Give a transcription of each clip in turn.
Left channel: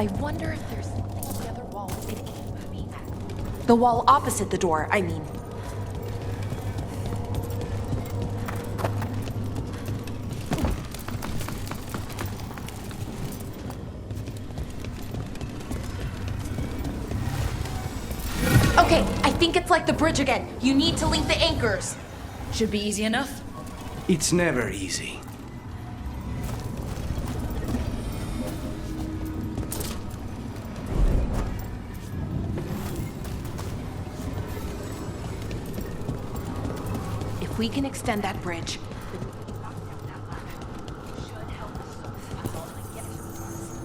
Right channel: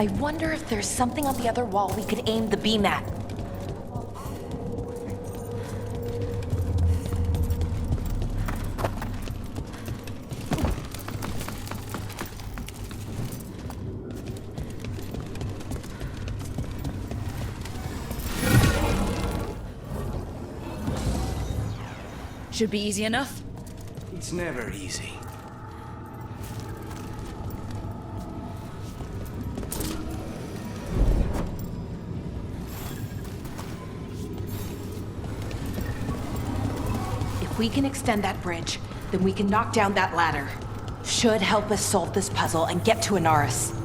I wonder if there's something on the other wall we could aim the beam at. The wall opposite the door, I mean. Okay, I think it's like the bridge again. You need to link the anchors. Should be easy enough. It's never easy. If we can extend that bridge, then we can knock down that ladder. Should help us solve this puzzle and get to Anaris.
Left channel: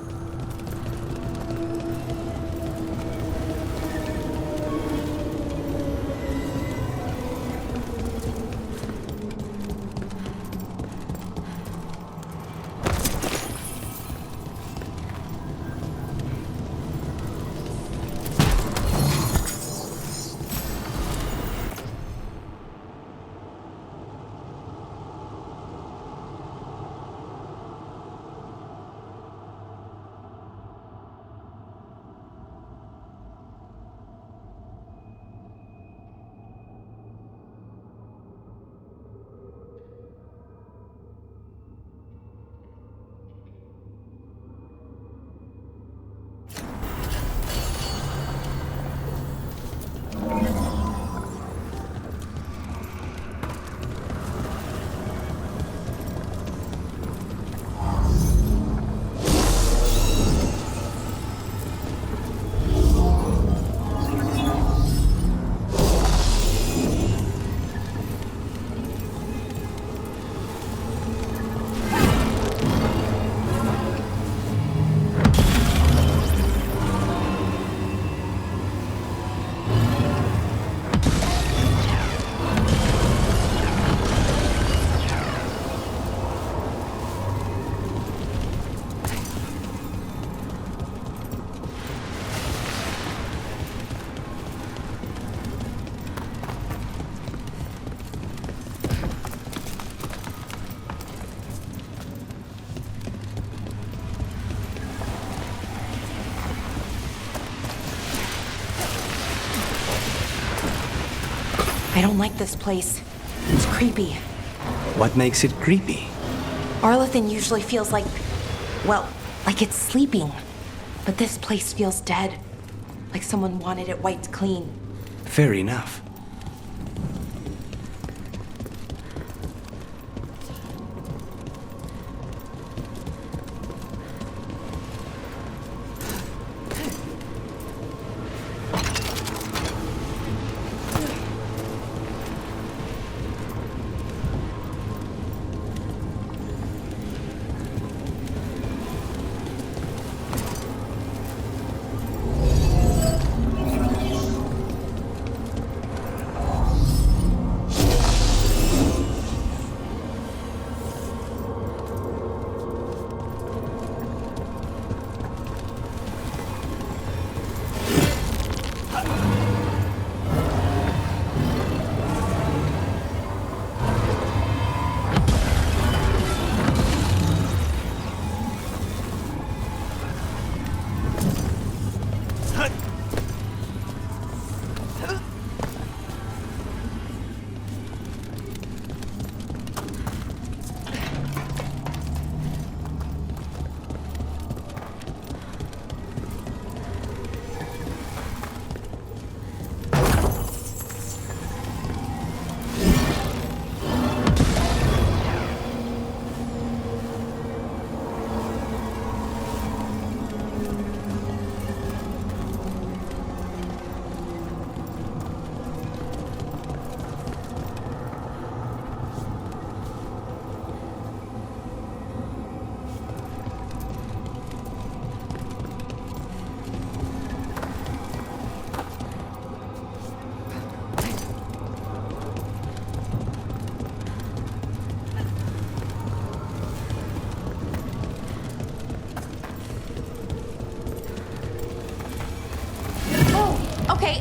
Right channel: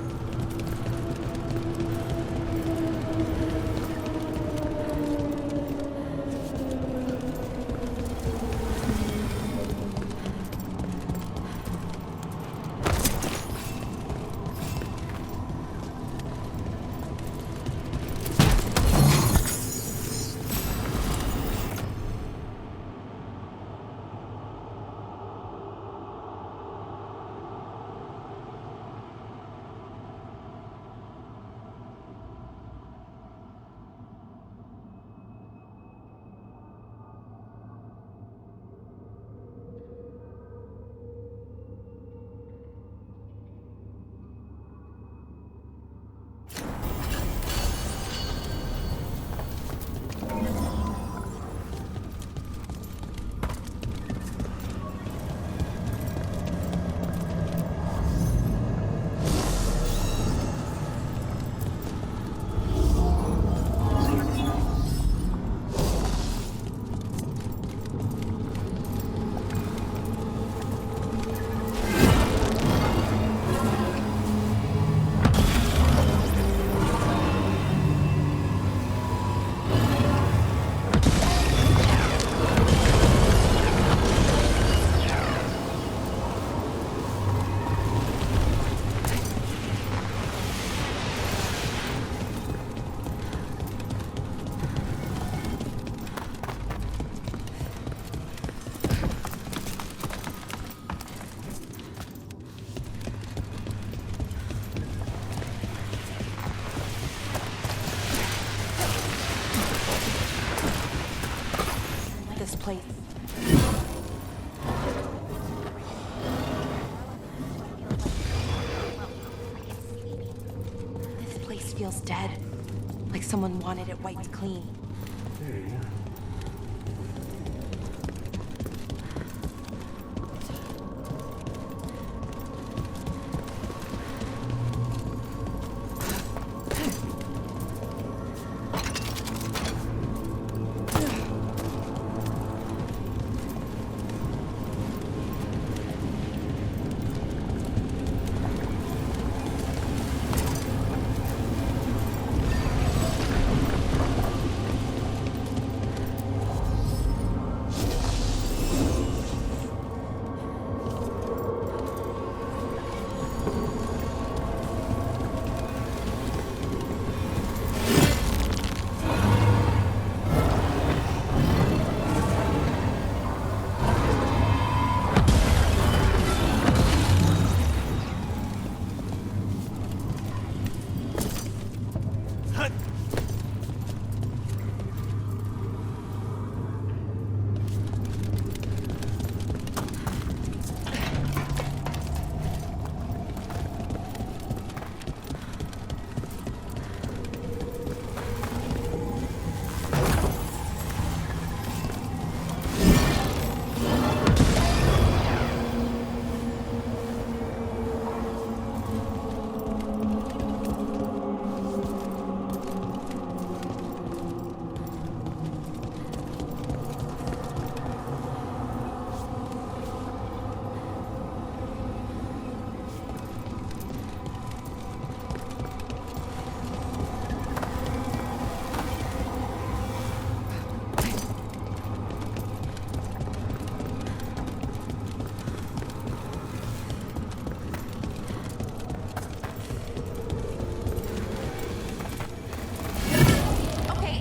I don't like this place. It's creepy. What makes it creepy? Arlathan usually feels like, well, like it's sleeping. But this place feels dead. Like someone wanted it wiped clean. Fair enough.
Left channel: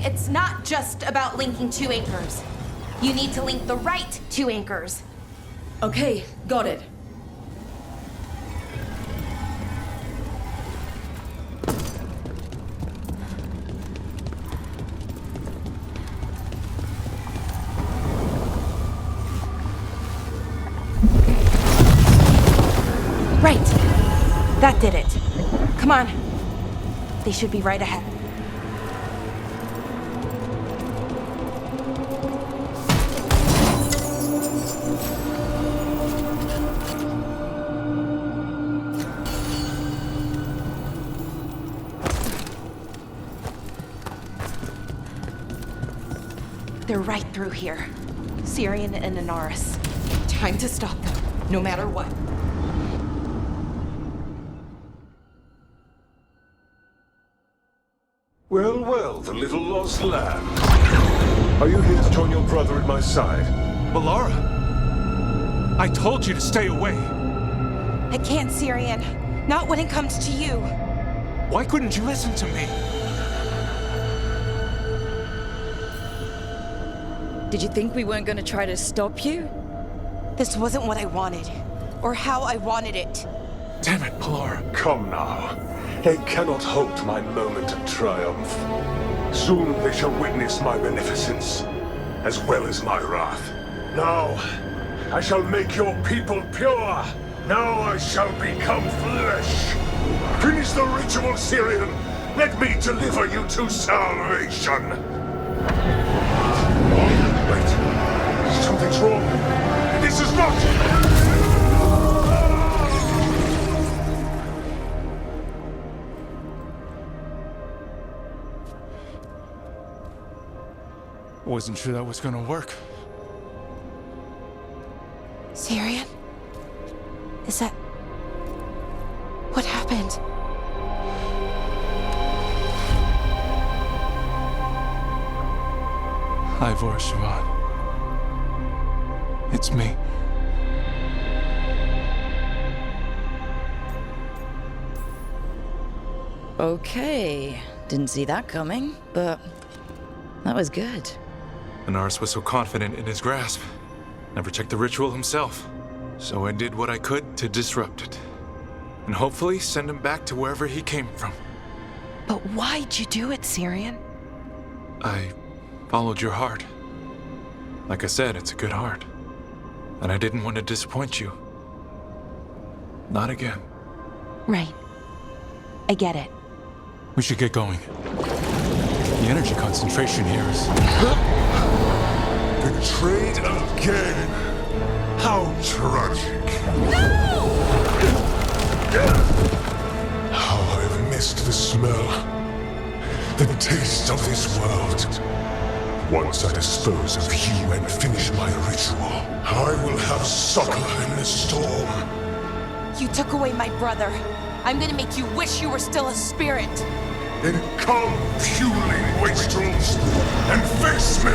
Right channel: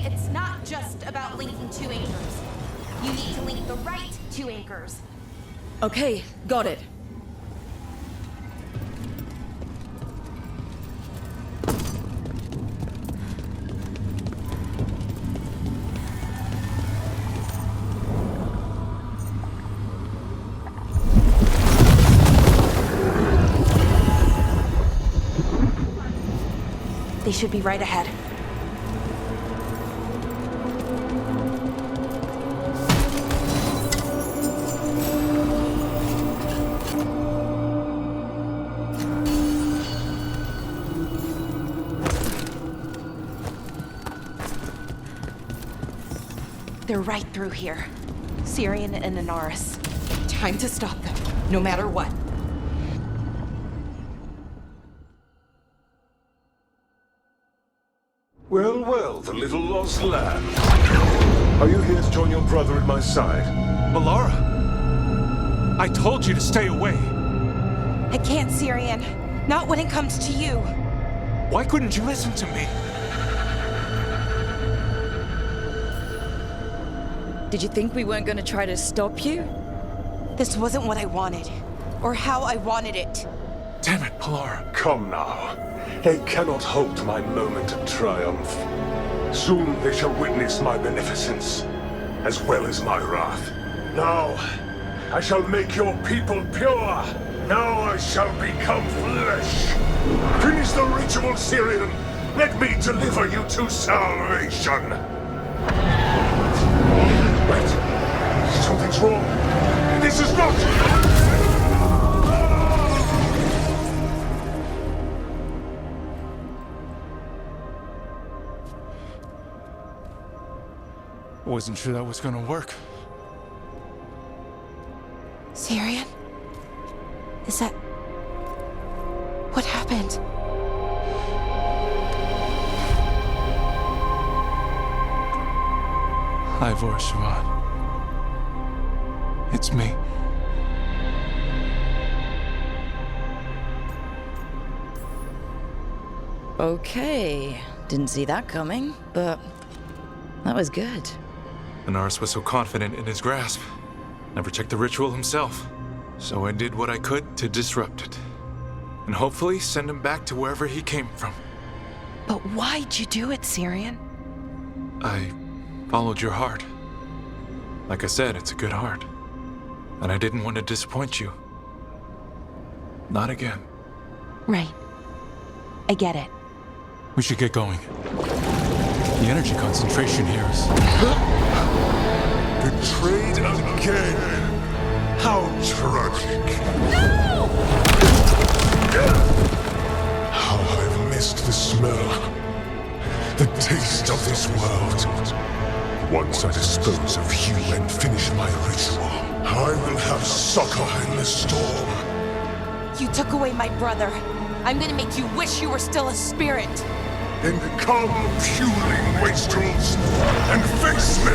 It's not just about linking two anchors. You need to link the right two anchors. Okay, got it. on. They should be right ahead. They're right through here. Syrian and Anaris. Time to stop them, no matter what. Well, well, the little lost lamb. Are you here to join your brother at my side? Melara! I told you to stay away! I can't, Syrian. Not when it comes to you. Why couldn't you listen to me? Did you think we weren't gonna try to stop you? This wasn't what I wanted, or how I wanted it. Damn it, Melara. Come now. They cannot halt my moment of triumph. Soon they shall witness my beneficence, as well as my wrath. Now, I shall make your people pure. Now I shall become flesh. Finish the ritual, Syrian. Let me deliver you to salvation. Wait. Something's wrong. This is not... Wasn't sure that was gonna work. Syrian? Is that... what happened? Ivor Siobhan. It's me. Okay. Didn't see that coming, but that was good. Anaris was so confident in his grasp. Never checked the ritual himself. So I did what I could to disrupt it. And hopefully send him back to wherever he came from. But why'd you do it, Syrian? I followed your heart. Like I said, it's a good heart. And I didn't want to disappoint you. Not again. Right. I get it. We should get going. The energy concentration here is... Betrayed again. How tragic. No! How I've missed the smell. The taste of this world. Once I dispose of you and finish my ritual, I will have succor in the storm. You took away my brother. I'm gonna make you wish you were still a spirit. Then come, puling wastrels, and face me!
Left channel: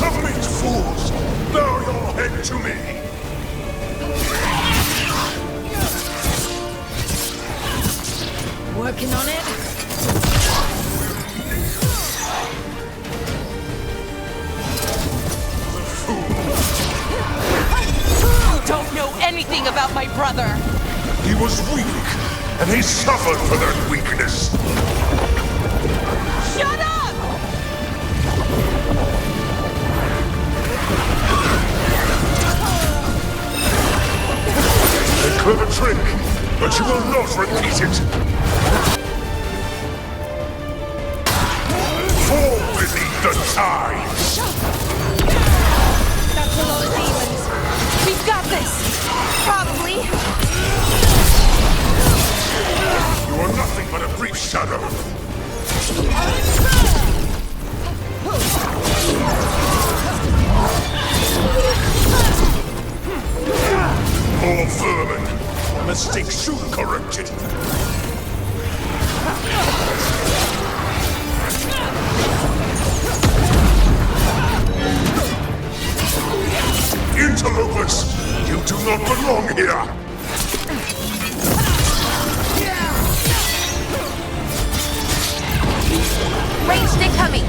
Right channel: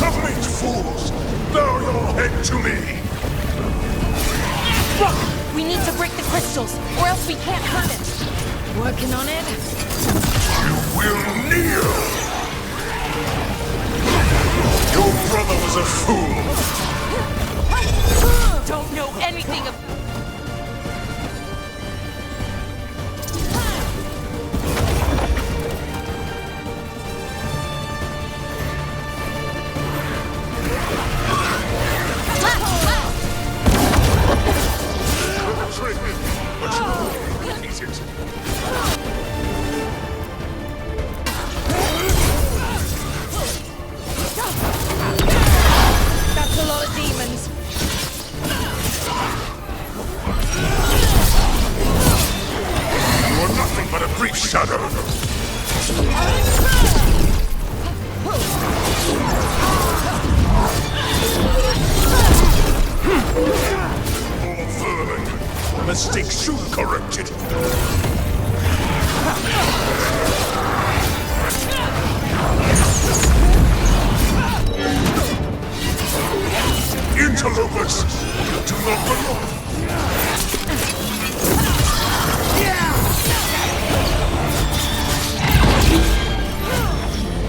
Submit, fools! Bow your head to me! We need to break the crystals, or else we can't have it. Working on it? Will kneel! Your brother was a fool! Don't know anything about my brother. He was weak, and he suffered for that weakness. Shut up! A clever trick, but you will not repeat it. Fall beneath the tide. That's a lot of demons. We've got this. Probably. You are nothing but a brief shadow. More vermin. Mistake soon corrected. Interlopers! You do not belong here! Wait, they're coming.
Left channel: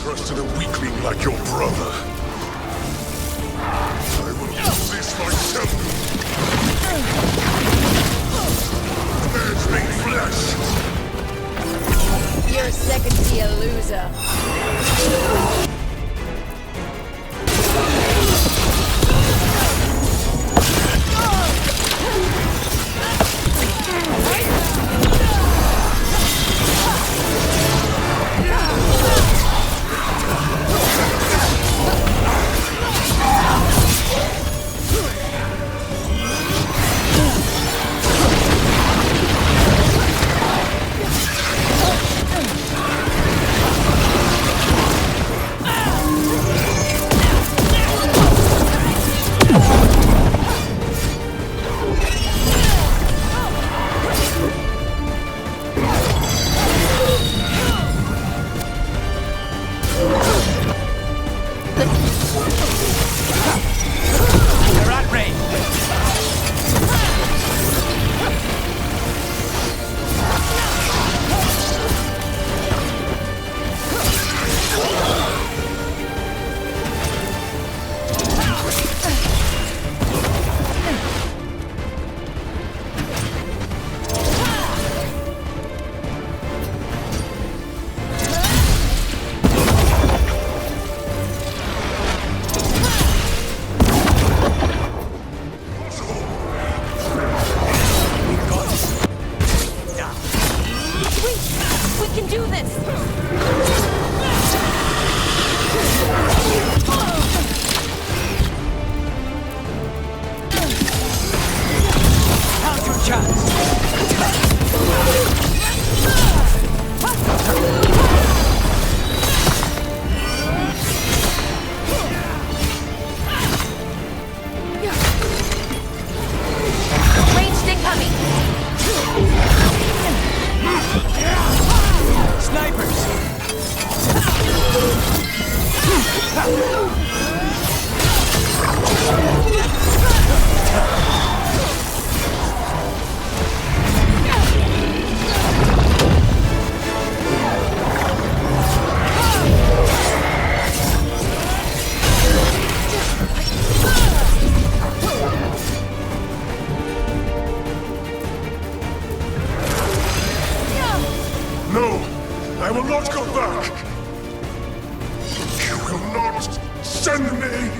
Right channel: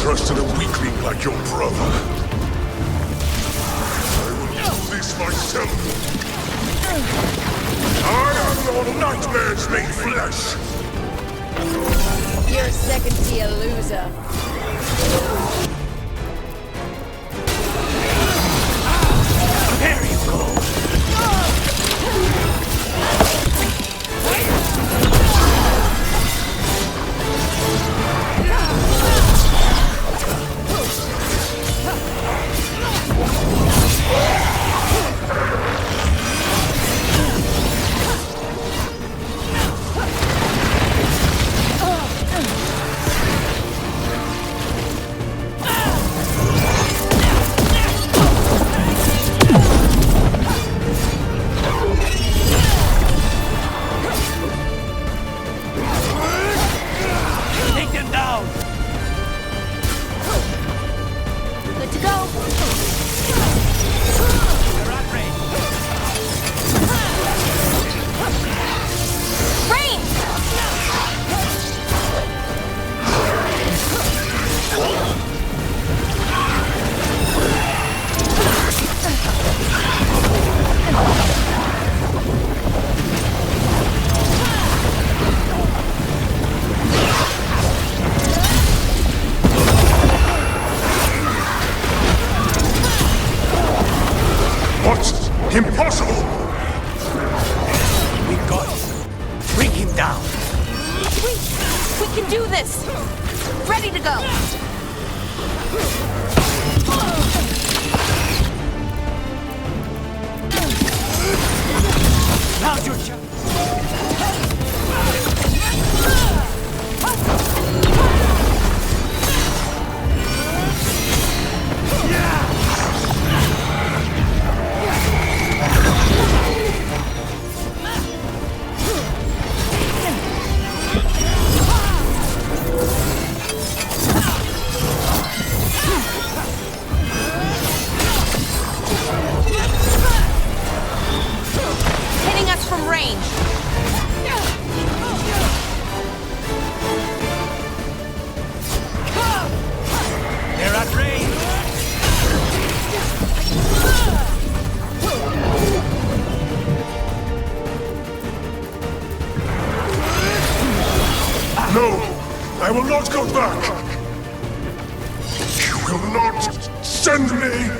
trusted a weakling like your brother. I will do this myself. I am your nightmares made flesh. You're second to a loser. Impossible! We got it. Bring him down. We can do this! Ready to go! Now's your chance. Range stick coming! Hitting us from range! No! I will not go back! You will not send me!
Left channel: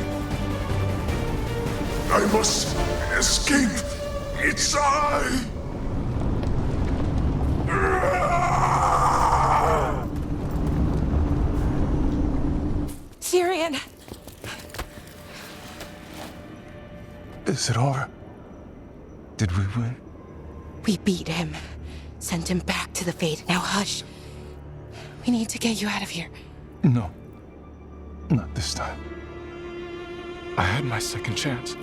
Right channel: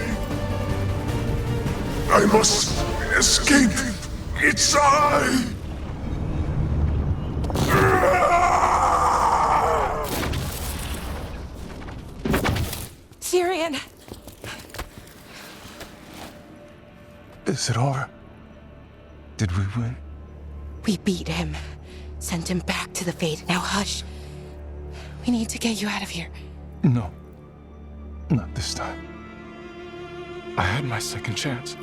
I must escape! It's I! Syrian! Is it over? Did we win? We beat him. Sent him back to the Fate. Now hush. We need to get you out of here. No. Not this time. I had my second chance.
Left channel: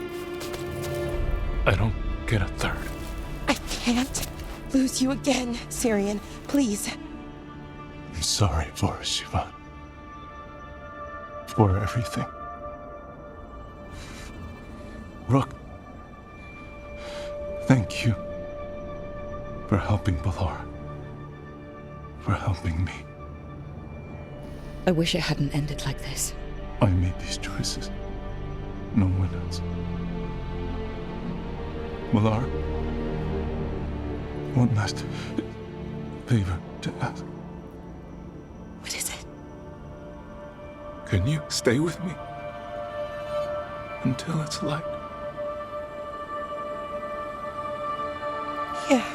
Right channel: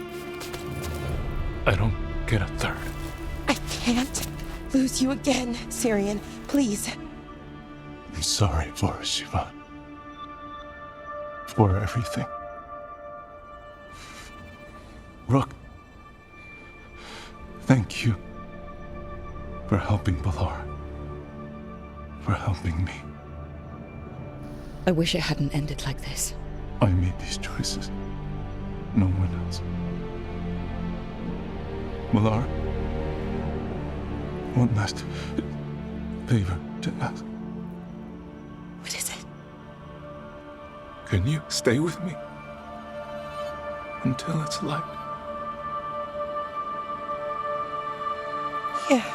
I don't get a third. I can't lose you again, Syrian. Please. I'm sorry for Shivan. For everything. Rook. Thank you. For helping Balara. For helping me. I wish it hadn't ended like this. I made these choices. No one else. Balara. One last favor to ask. What is it? Can you stay with me? Until it's light. Yeah.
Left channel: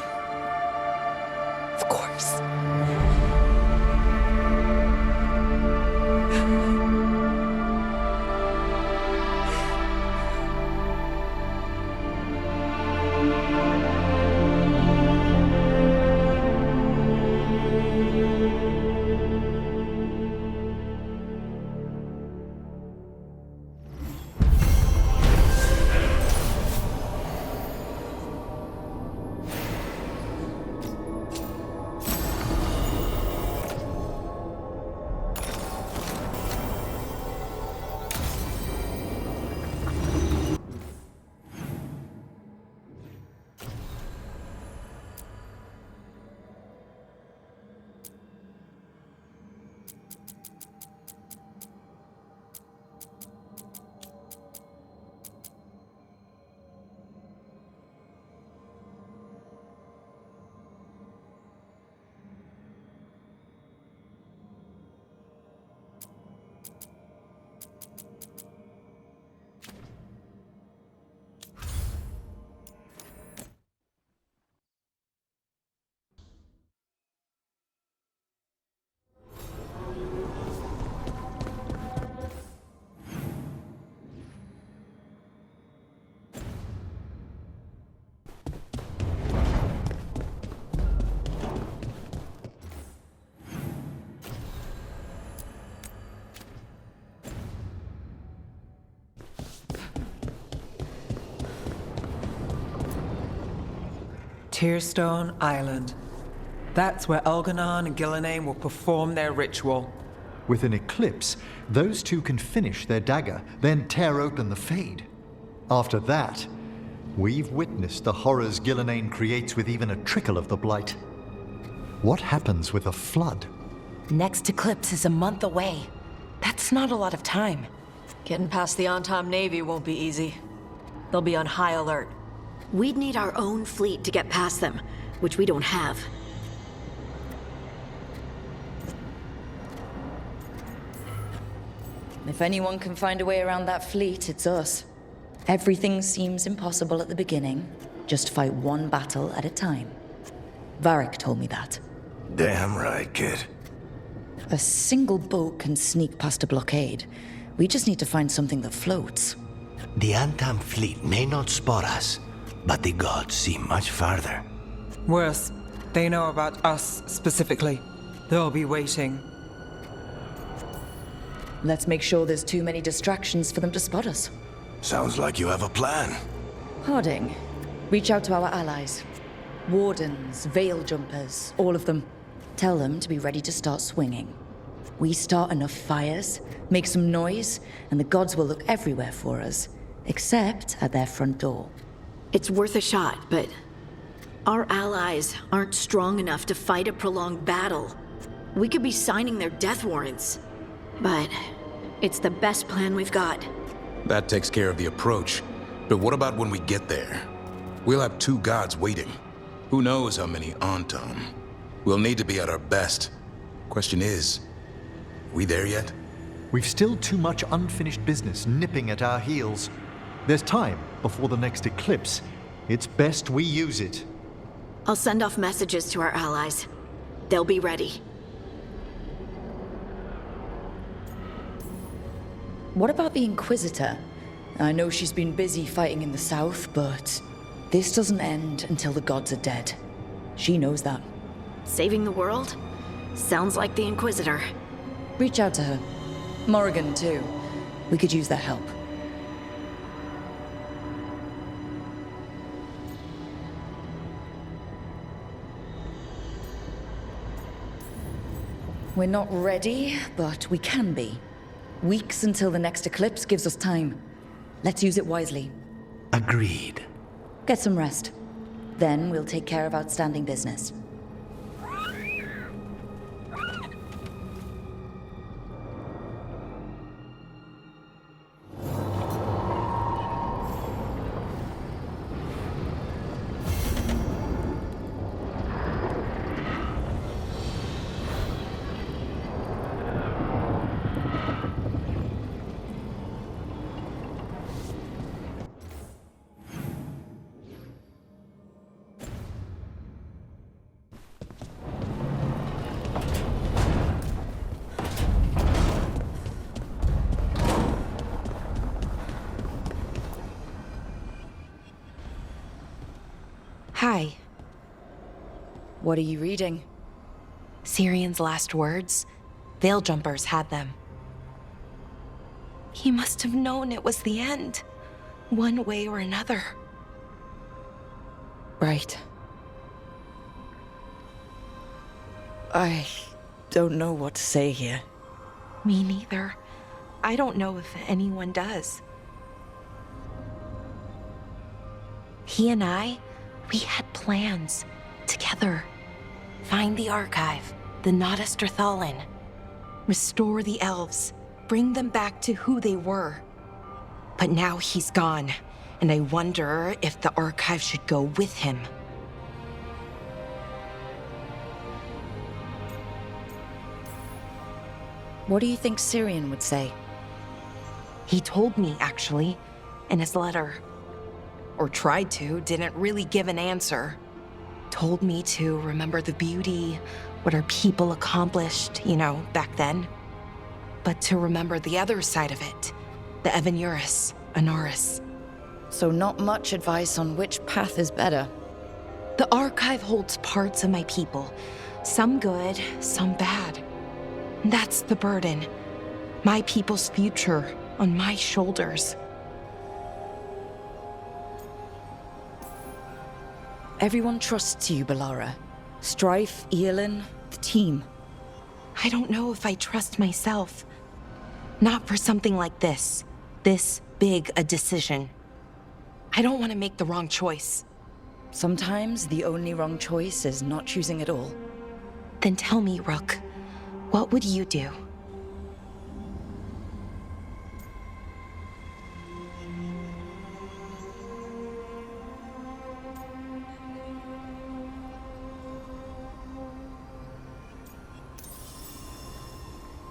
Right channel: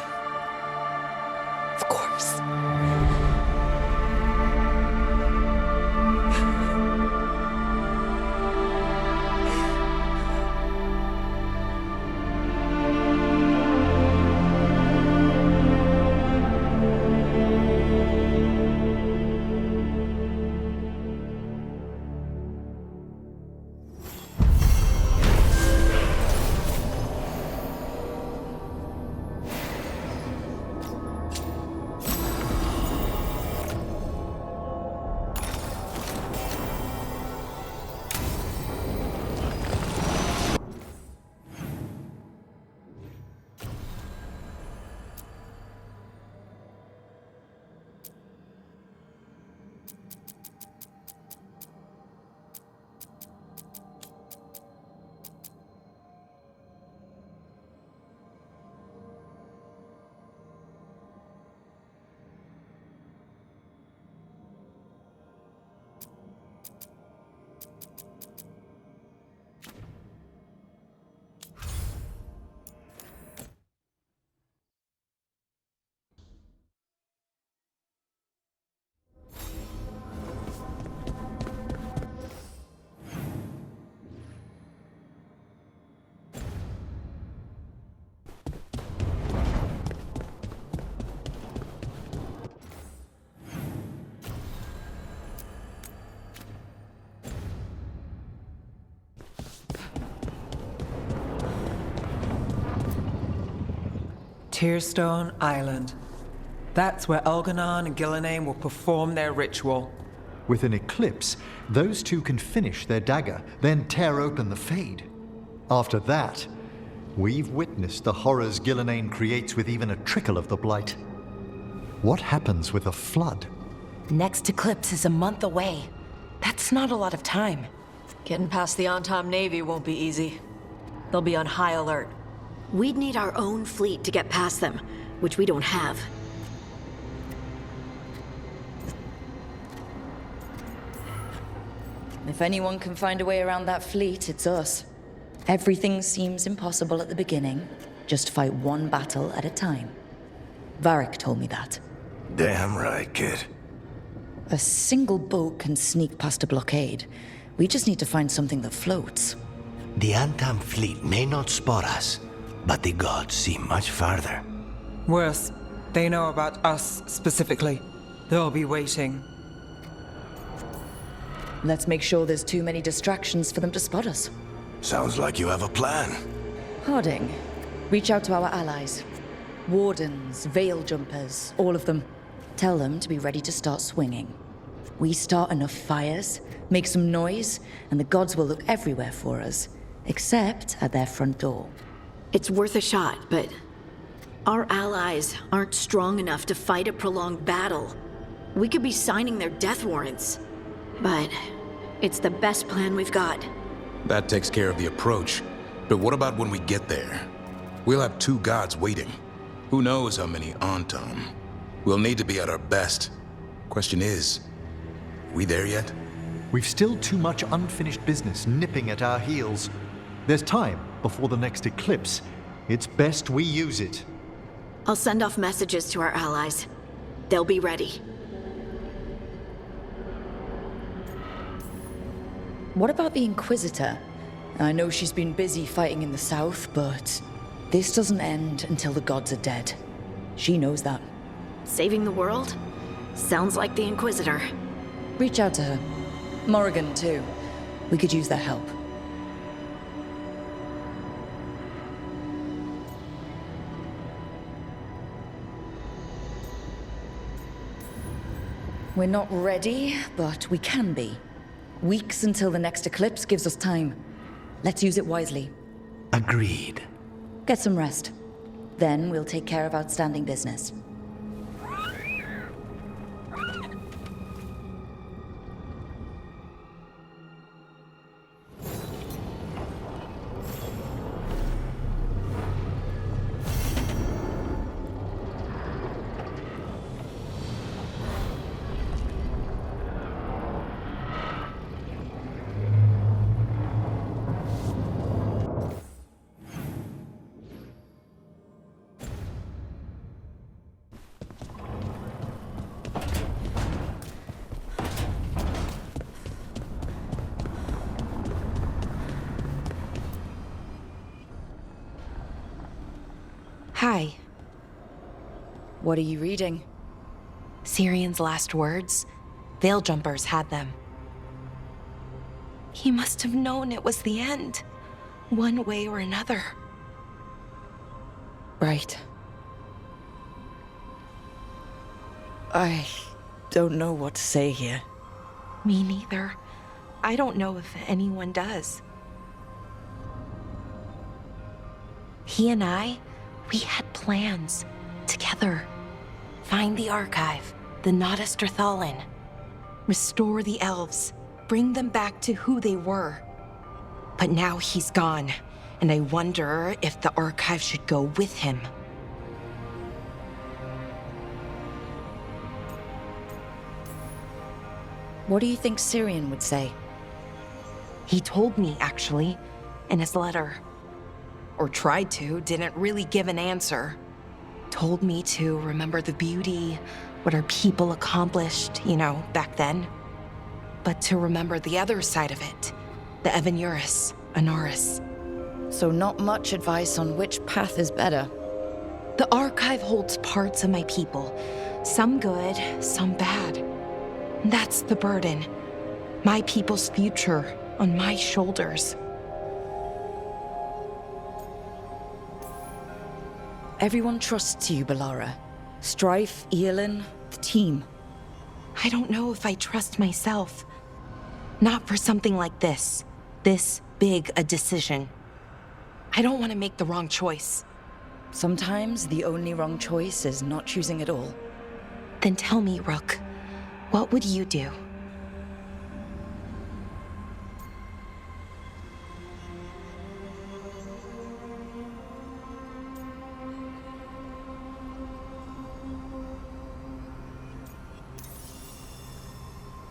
Of course. Tearstone Island. That's where Elganon and Gillenane will perform their ritual. With an eclipse, those two can finish their dagger, then tear open the Fade. After that, we've witnessed the horrors Gillenane creates with even a trickle of the Blight. What happens with a flood? Next eclipse is a month away. That's not a lot of time. Getting past the Antom Navy won't be easy. They'll be on high alert. We'd need our own fleet to get past them, which we don't have. If anyone can find a way around that fleet, it's us. Everything seems impossible at the beginning. Just fight one battle at a time. Varric told me that. Damn right, kid. A single boat can sneak past a blockade. We just need to find something that floats. The Antam fleet may not spot us, but the gods see much farther. Worse, they know about us specifically. They'll be waiting. Let's make sure there's too many distractions for them to spot us. Sounds like you have a plan. Harding, reach out to our allies. Wardens, veil jumpers, all of them. Tell them to be ready to start swinging. We start enough fires, make some noise, and the gods will look everywhere for us, except at their front door. It's worth a shot, but our allies aren't strong enough to fight a prolonged battle. We could be signing their death warrants, but it's the best plan we've got. That takes care of the approach. But what about when we get there? We'll have two gods waiting. Who knows how many Antom? We'll need to be at our best. Question is, we there yet? We've still too much unfinished business nipping at our heels. There's time before the next eclipse. It's best we use it. I'll send off messages to our allies. They'll be ready. What about the Inquisitor? I know she's been busy fighting in the south, but this doesn't end until the gods are dead. She knows that. Saving the world? Sounds like the Inquisitor. Reach out to her. Morrigan, too. We could use their help. We're not ready, but we can be. Weeks until the next eclipse gives us time. Let's use it wisely. Agreed. Get some rest. Then we'll take care of outstanding business. Hi. What are you reading? Syrian's last words? Veil jumpers had them. He must have known it was the end, one way or another. Right. I don't know what to say here. Me neither. I don't know if anyone does. He and I, we had plans together. Find the archive, the Nodasterthalin. Restore the elves, bring them back to who they were. But now he's gone, and I wonder if the archive should go with him. What do you think Syrian would say? He told me, actually, in his letter. Or tried to, didn't really give an answer. Told me to remember the beauty, what our people accomplished, back then. But to remember the other side of it, the Evanuris, Anaris. So not much advice on which path is better. The archive holds parts of my people, some good, some bad. That's the burden. My people's future on my shoulders. Everyone trusts you, Balara. Strife, Eolin, the team. I don't know if I trust myself. Not for something like this. This big a decision. I don't want to make the wrong choice. Sometimes the only wrong choice is not choosing at all. Then tell me, Rook, what would you do?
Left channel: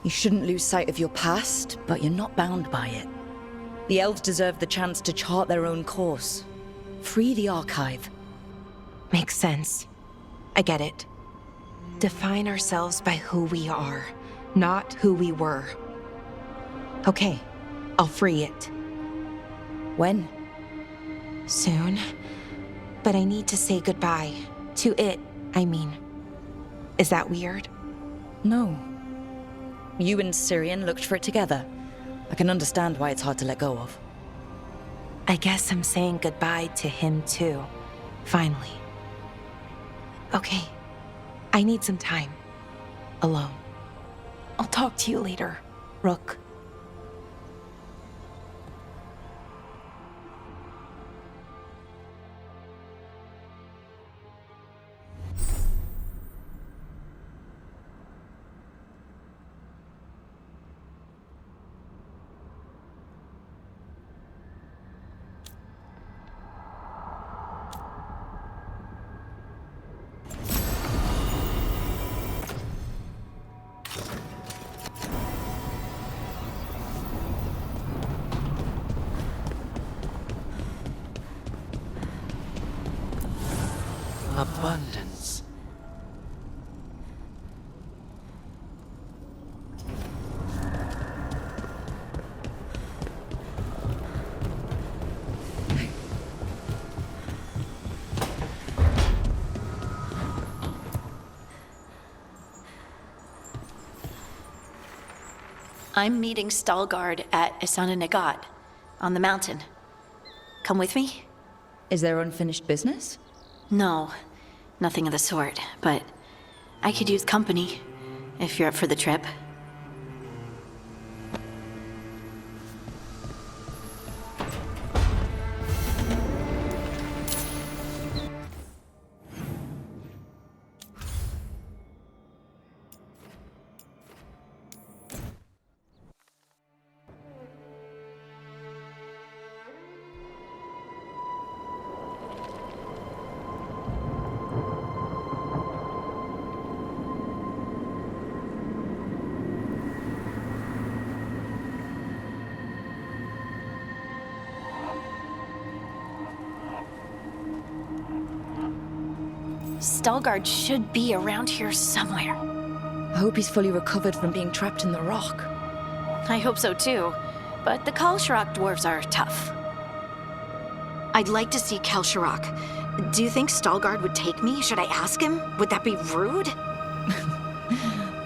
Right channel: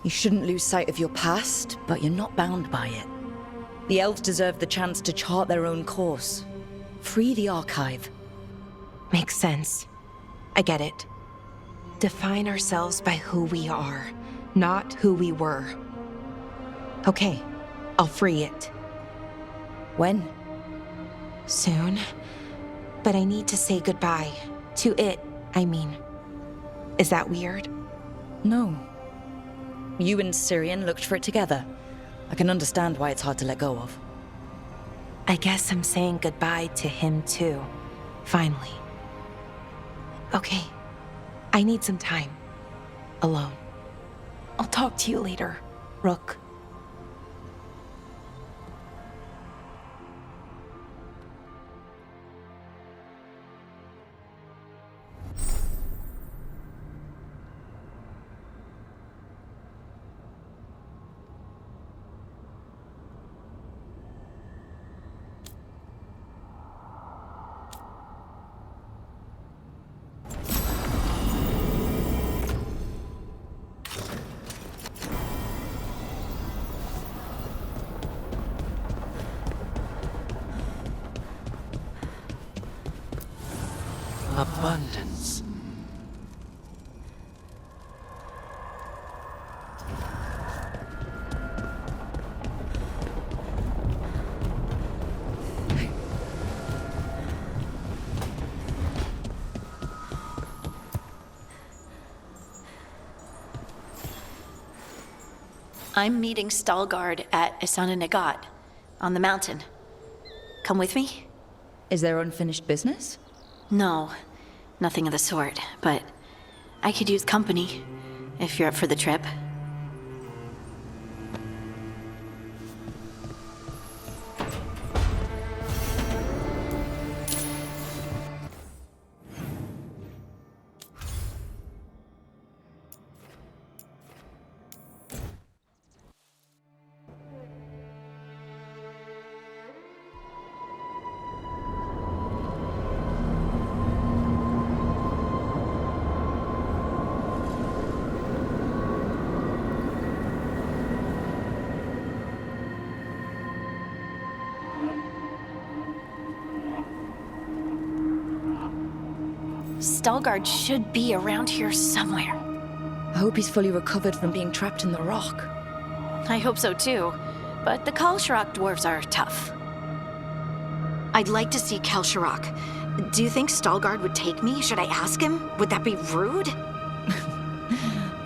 You shouldn't lose sight of your past, but you're not bound by it. The elves deserve the chance to chart their own course. Free the archive. Makes sense. I get it. Define ourselves by who we are, not who we were. Okay, I'll free it. When? Soon. But I need to say goodbye. To it, I mean. Is that weird? No. You and Syrian looked for it together. I can understand why it's hard to let go of. I guess I'm saying goodbye to him too. Finally. Okay. I need some time. Alone. I'll talk to you later, Rook. Abundance. I'm meeting Veilguard at Isana Nagat, on the mountain. Come with me? Is there unfinished business? No, nothing of the sort, but I could use company, if you're up for the trip. Veilguard should be around here somewhere. I hope he's fully recovered from being trapped in the rock. I hope so too, but the Kalsharok dwarves are tough. I'd like to see Kalsharok. Do you think Veilguard would take me? Should I ask him? Would that be rude?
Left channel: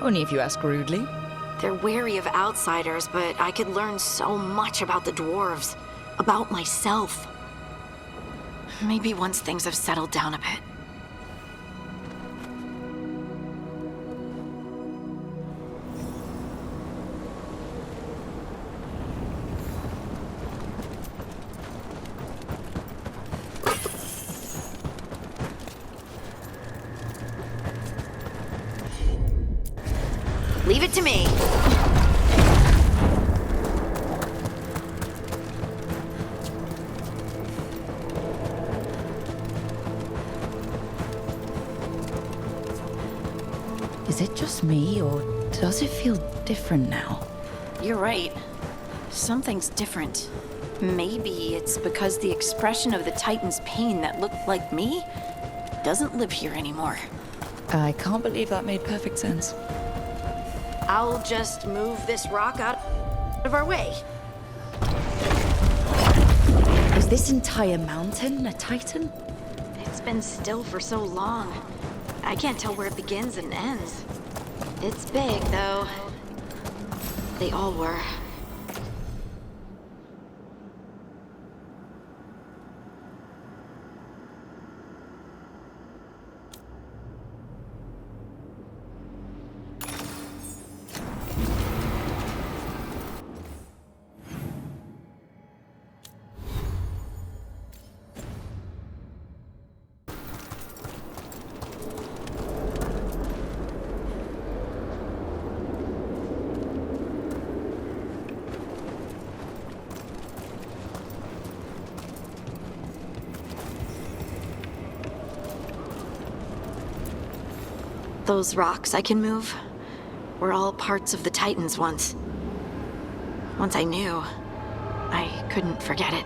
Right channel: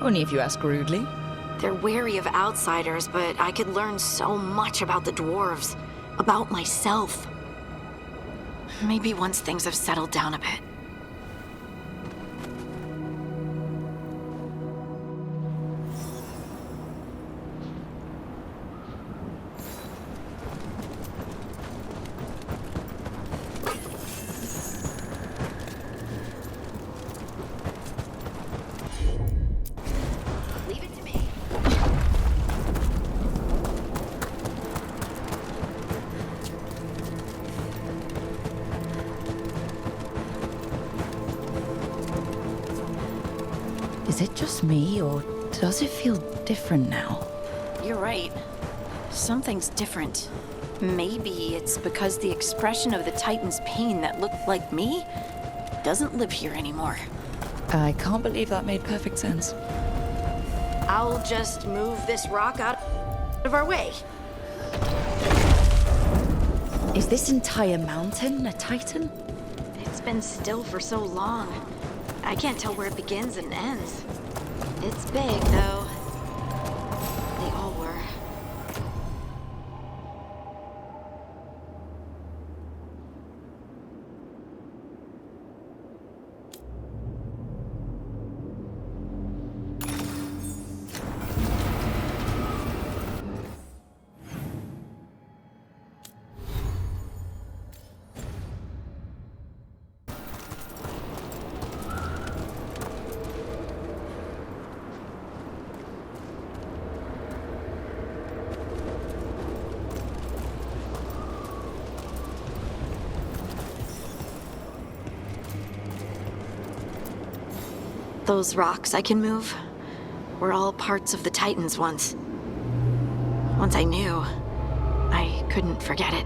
Only if you ask rudely. They're wary of outsiders, but I could learn so much about the dwarves. About myself. Maybe once things have settled down a bit. Leave it to me. Is it just me, or does it feel different now? You're right. Something's different. Maybe it's because the expression of the Titan's pain that looked like me doesn't live here anymore. I can't believe that made perfect sense. I'll just move this rock out of our way. Is this entire mountain a Titan? It's been still for so long. I can't tell where it begins and ends. It's big, though. They all were. Those rocks I can move were all parts of the Titans once. Once I knew, I couldn't forget it.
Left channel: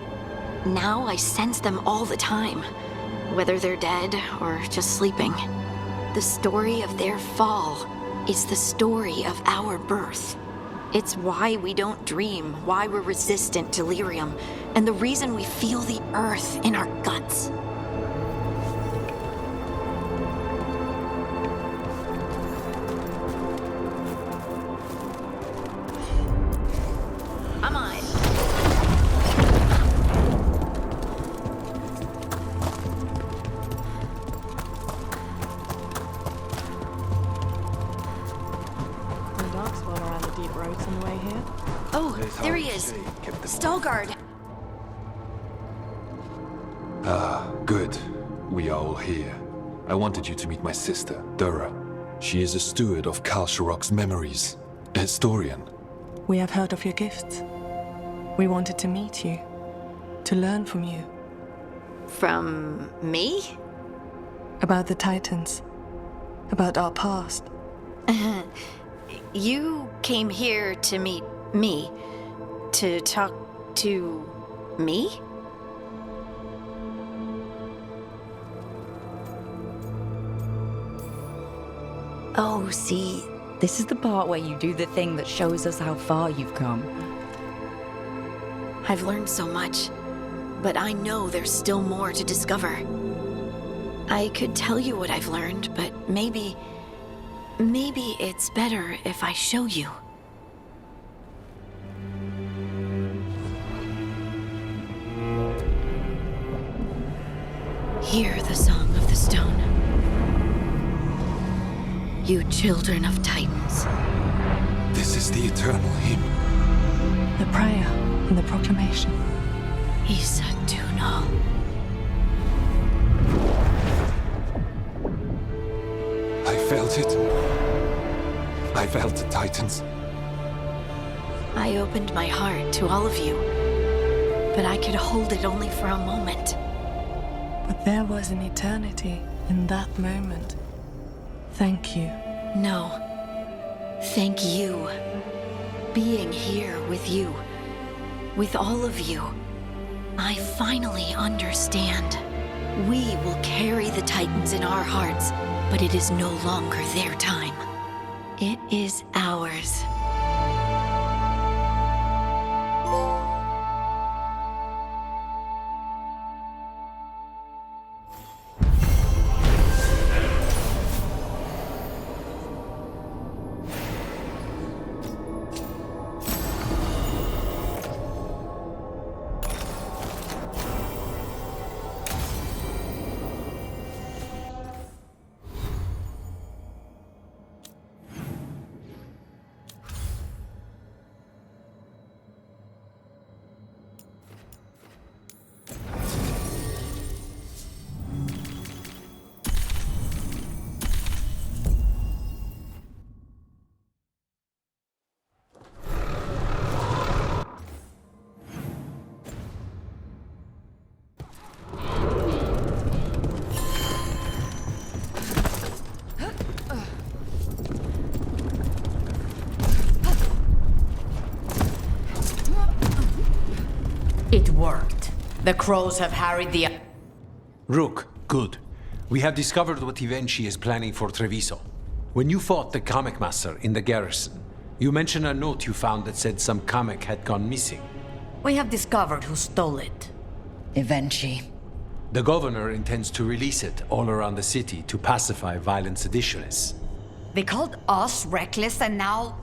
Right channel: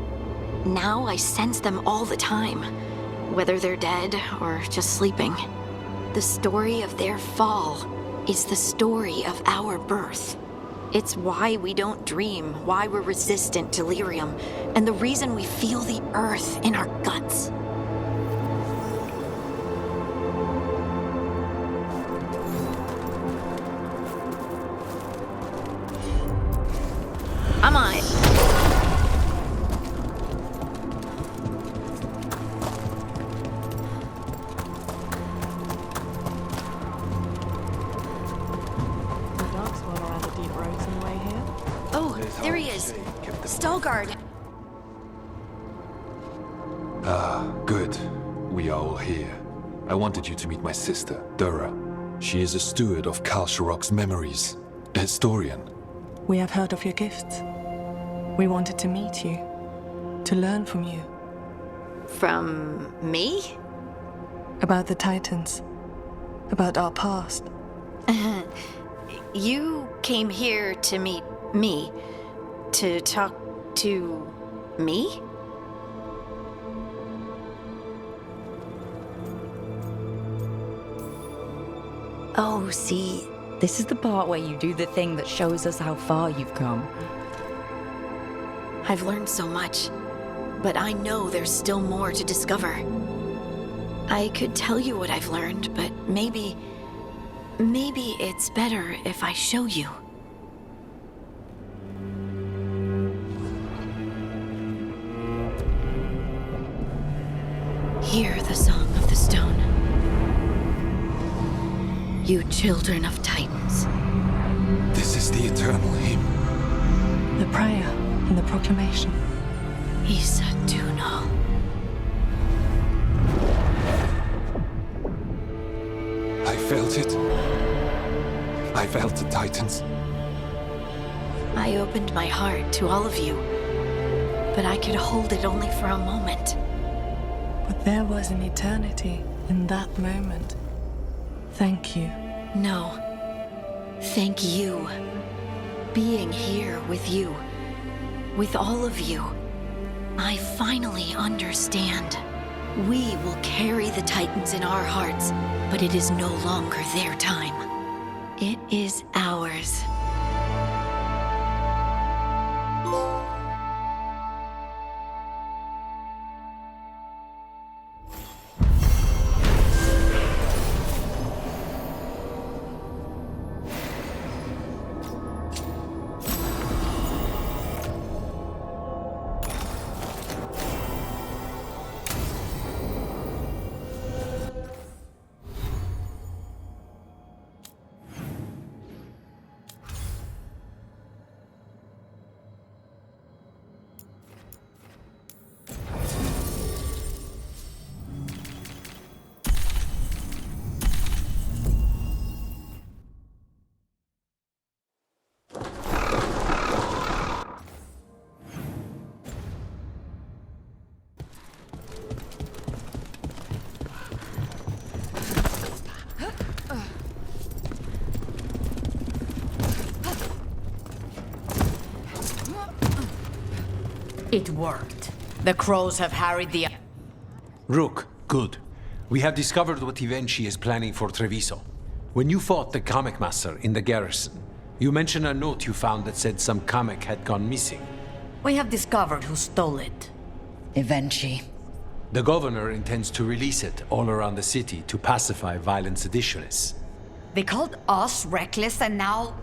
Now I sense them all the time, whether they're dead or just sleeping. The story of their fall is the story of our birth. It's why we don't dream, why we're resistant to lyrium, and the reason we feel the earth in our guts. I'm on it. Oh, there he is. Veilguard. Ah, good. We are all here. I wanted you to meet my sister, Dura. She is a steward of Kal Sharok's memories, a historian. We have heard of your gifts. We wanted to meet you, to learn from you. From me? About the Titans, about our past. You came here to meet me, to talk to me? Oh, see, this is the part where you do the thing that shows us how far you've come. I've learned so much, but I know there's still more to discover. I could tell you what I've learned, but maybe it's better if I show you. Hear the song of the stone. You children of Titans. This is the eternal hymn. The prayer and the proclamation. Isa Tunal. I felt it. I felt the Titans. I opened my heart to all of you, but I could hold it only for a moment. But there was an eternity in that moment. Thank you. No. Thank you. Being here with you, with all of you, I finally understand. We will carry the Titans in our hearts, but it is no longer their time. It is ours. It worked. The crows have harried the... Rook, good. We have discovered what Ivenchi is planning for Treviso. When you fought the Kamek Master in the garrison, you mentioned a note you found that said some Kamek had gone missing. We have discovered who stole it. Ivenchi. The governor intends to release it all around the city to pacify violent seditionists. They called us reckless, and now...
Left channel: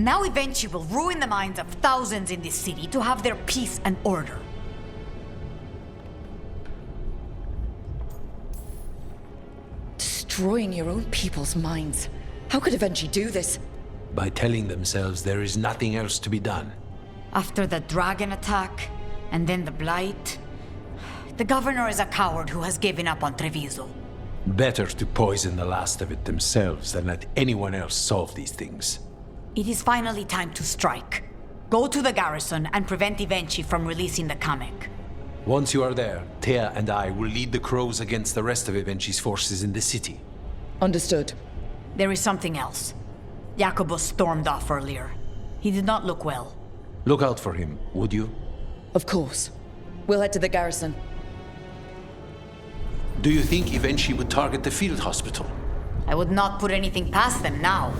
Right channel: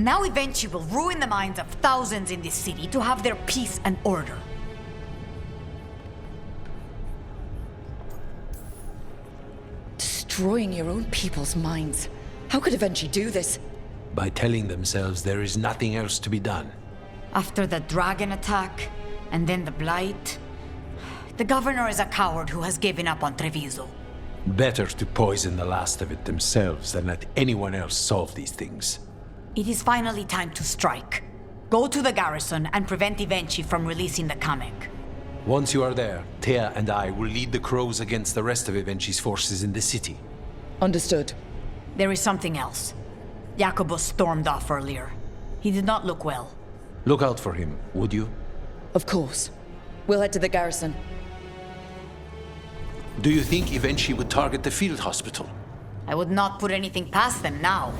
Now Ivenchi will ruin the minds of thousands in this city to have their peace and order. Destroying your own people's minds. How could Ivenchi do this? By telling themselves there is nothing else to be done. After the dragon attack, and then the blight, the governor is a coward who has given up on Treviso. Better to poison the last of it themselves than let anyone else solve these things. It is finally time to strike. Go to the garrison and prevent Ivenchi from releasing the Kamek. Once you are there, Thea and I will lead the crows against the rest of Ivenchi's forces in the city. Understood. There is something else. Jacobus stormed off earlier. He did not look well. Look out for him, would you? Of course. We'll head to the garrison. Do you think Evenchi would target the field hospital? I would not put anything past them now.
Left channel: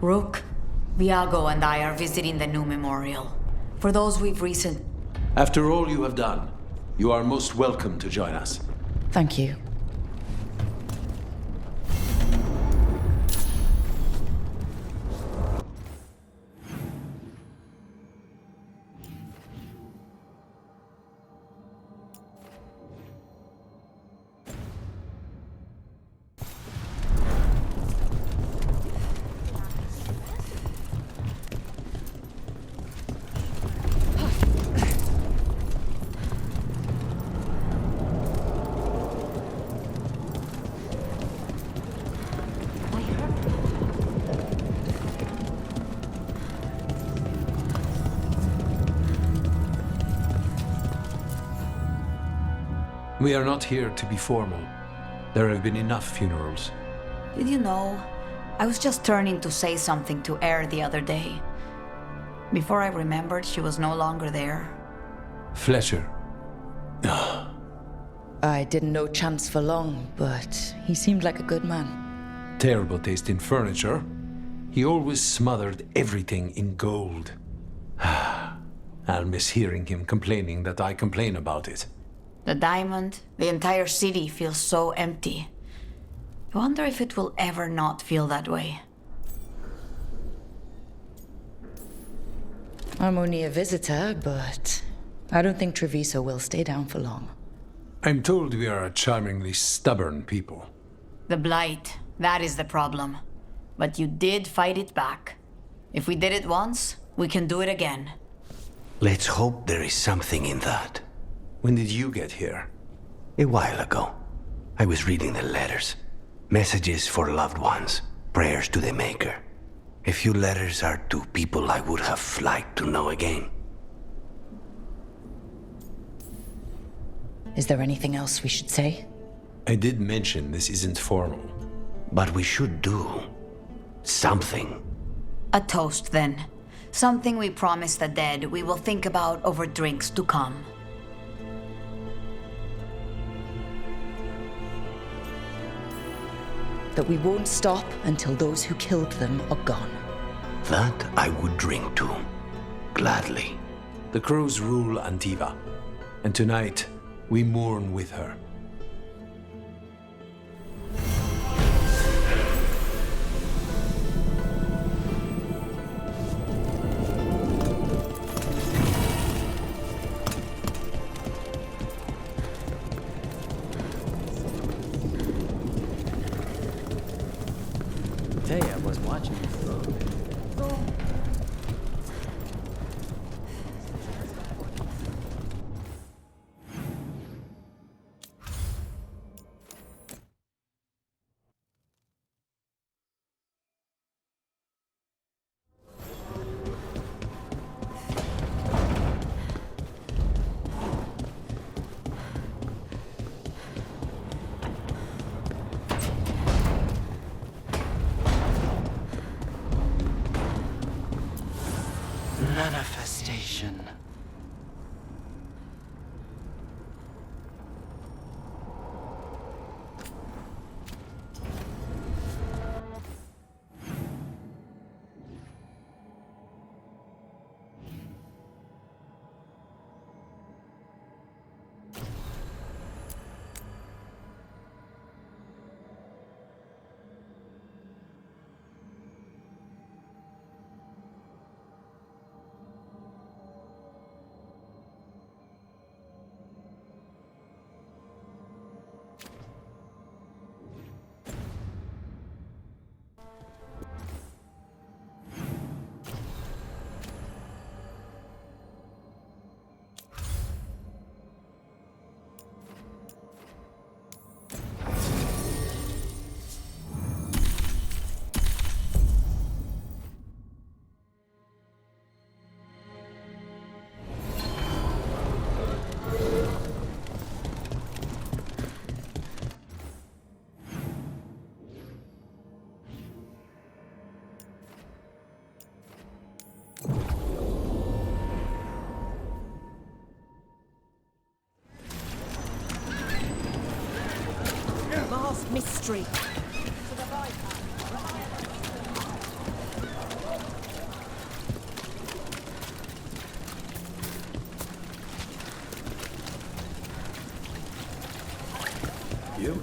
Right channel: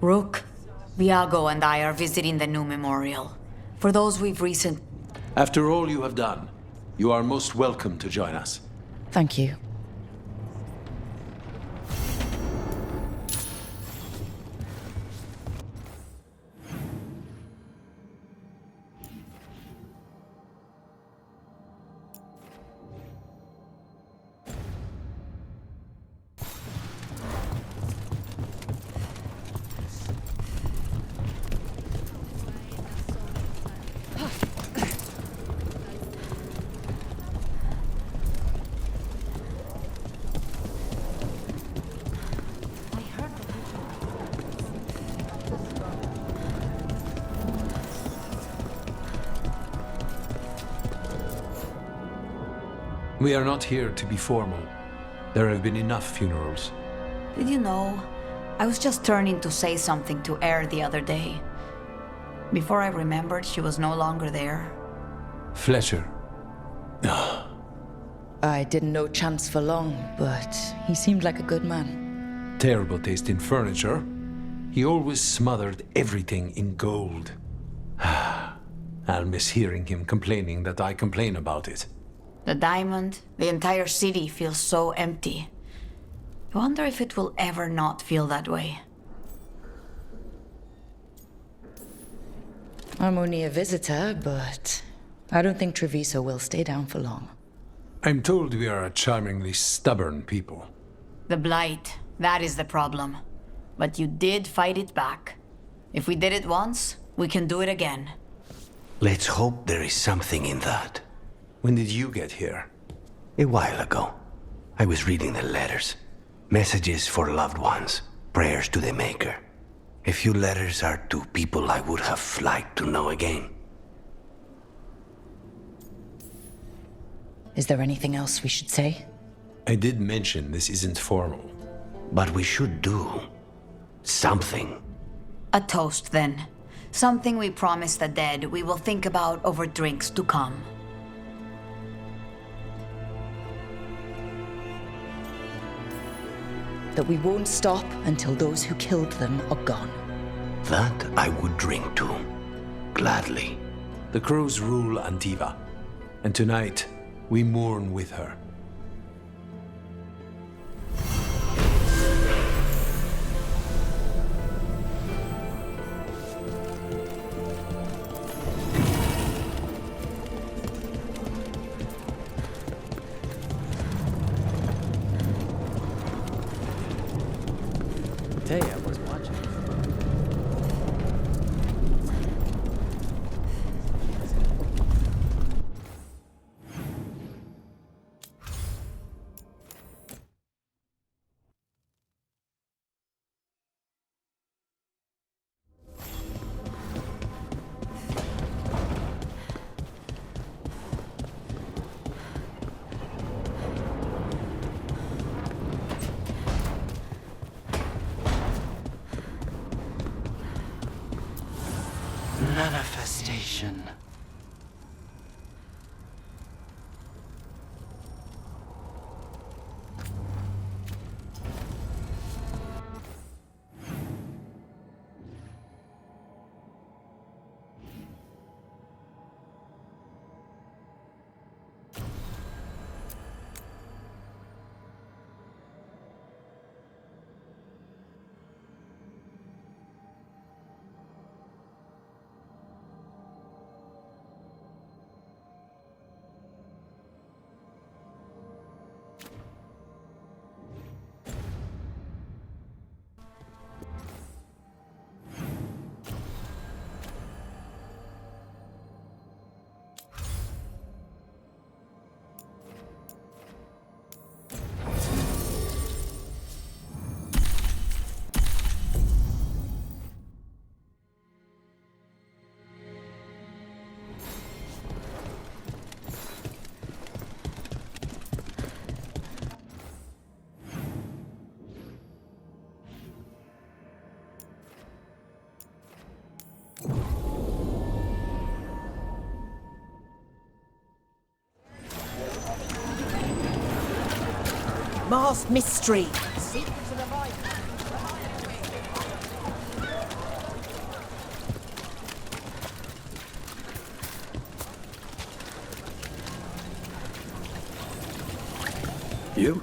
Rook, Viago and I are visiting the new memorial. For those we've After all you have done, you are most welcome to join us. Thank you. We are not here to be formal. There have been enough funerals. Did you know? I was just turning to say something to Air the other day. Before I remembered, she was no longer there. Fletcher. I didn't know Chance for long, but he seemed like a good man. Terrible taste in furniture. He always smothered everything in gold. I'll miss hearing him complaining that I complain about it. The diamond, the entire city feels so empty. I wonder if it will ever not feel that way. I'm only a visitor, but I don't think Treviso will stay down for long. I'm told we are a charmingly stubborn people. The Blight, that is the problem. But you did fight it back. If we did it once, we can do it again. Let's hope there is something in that. When did you get here? A while ago. I was reading the letters. Messages for loved ones. Prayers to the Maker. A few letters are to people I would have liked to know again. Is there anything else we should say? I did mention this isn't formal. But we should do something. A toast, then. Something we promise the dead we will think about over drinks to come. That we won't stop until those who killed them are gone. That I would drink to. Gladly. The crows rule Antiva, and tonight we mourn with her. I was watching. Manifestation. vast mystery. You?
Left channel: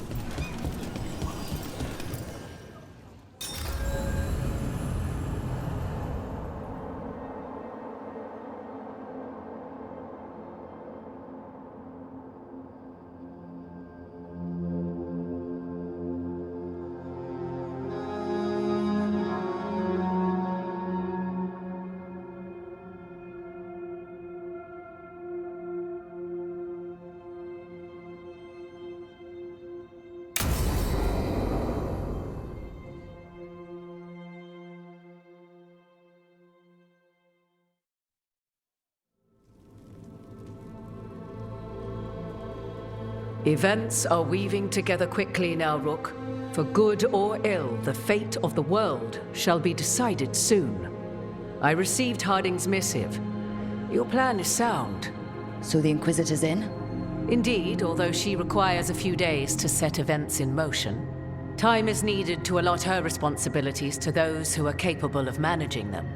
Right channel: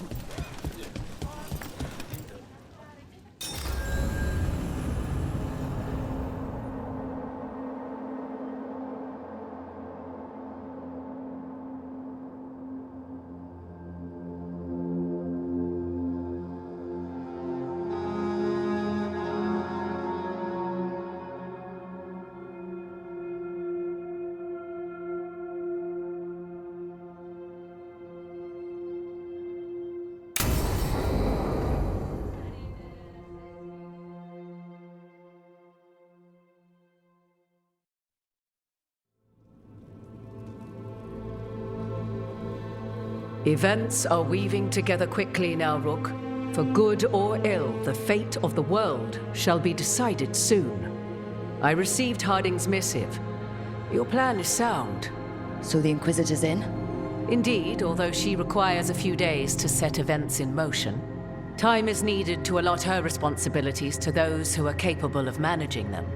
Events are weaving together quickly now, Rook. For good or ill, the fate of the world shall be decided soon. I received Harding's missive. Your plan is sound. So the Inquisitor's in? Indeed, although she requires a few days to set events in motion. Time is needed to allot her responsibilities to those who are capable of managing them.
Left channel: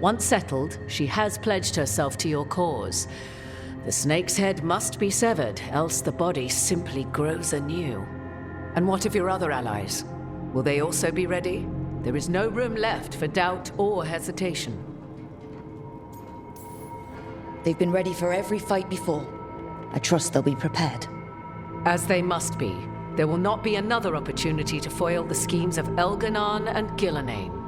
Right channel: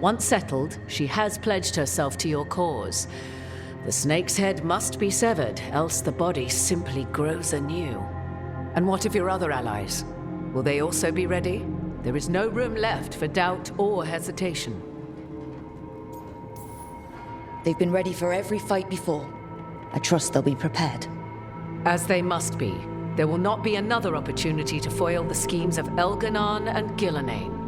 Once settled, she has pledged herself to your cause. The snake's head must be severed, else the body simply grows anew. And what of your other allies? Will they also be ready? There is no room left for doubt or hesitation. They've been ready for every fight before. I trust they'll be prepared. As they must be. There will not be another opportunity to foil the schemes of Elganon and Gillenane.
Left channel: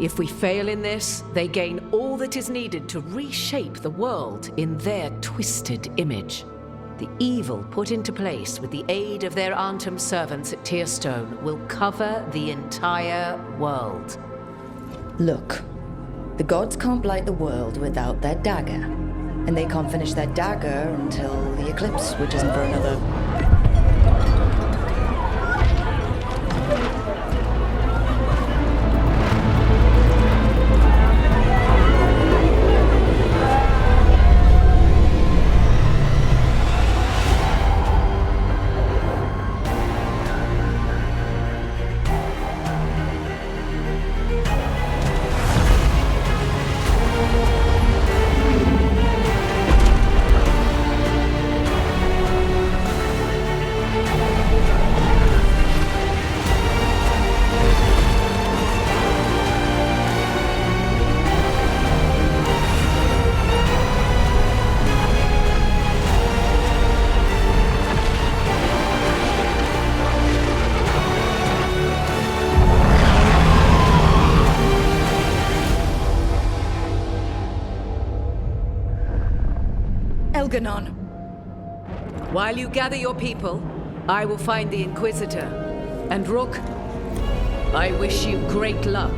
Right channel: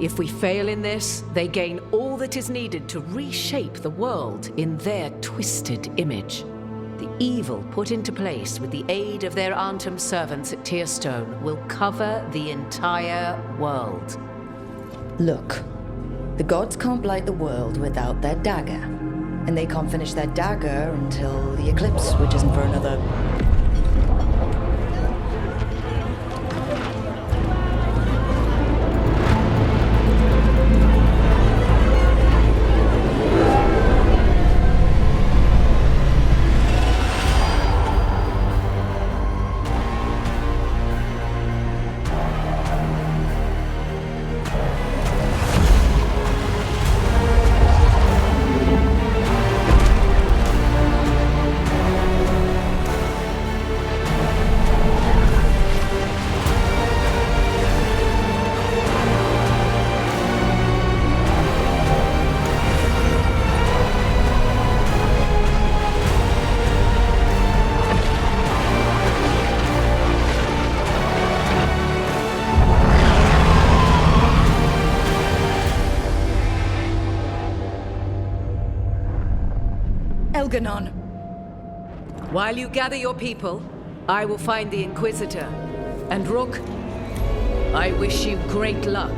If we fail in this, they gain all that is needed to reshape the world in their twisted image. The evil put into place with the aid of their Arnhem servants at Tearstone will cover the entire world. Look, the gods can't blight the world without their dagger. And they can't finish their dagger until the eclipse, which isn't for another... Elganon. While you gather your people, I will find the Inquisitor. And Rook, I wish you great luck.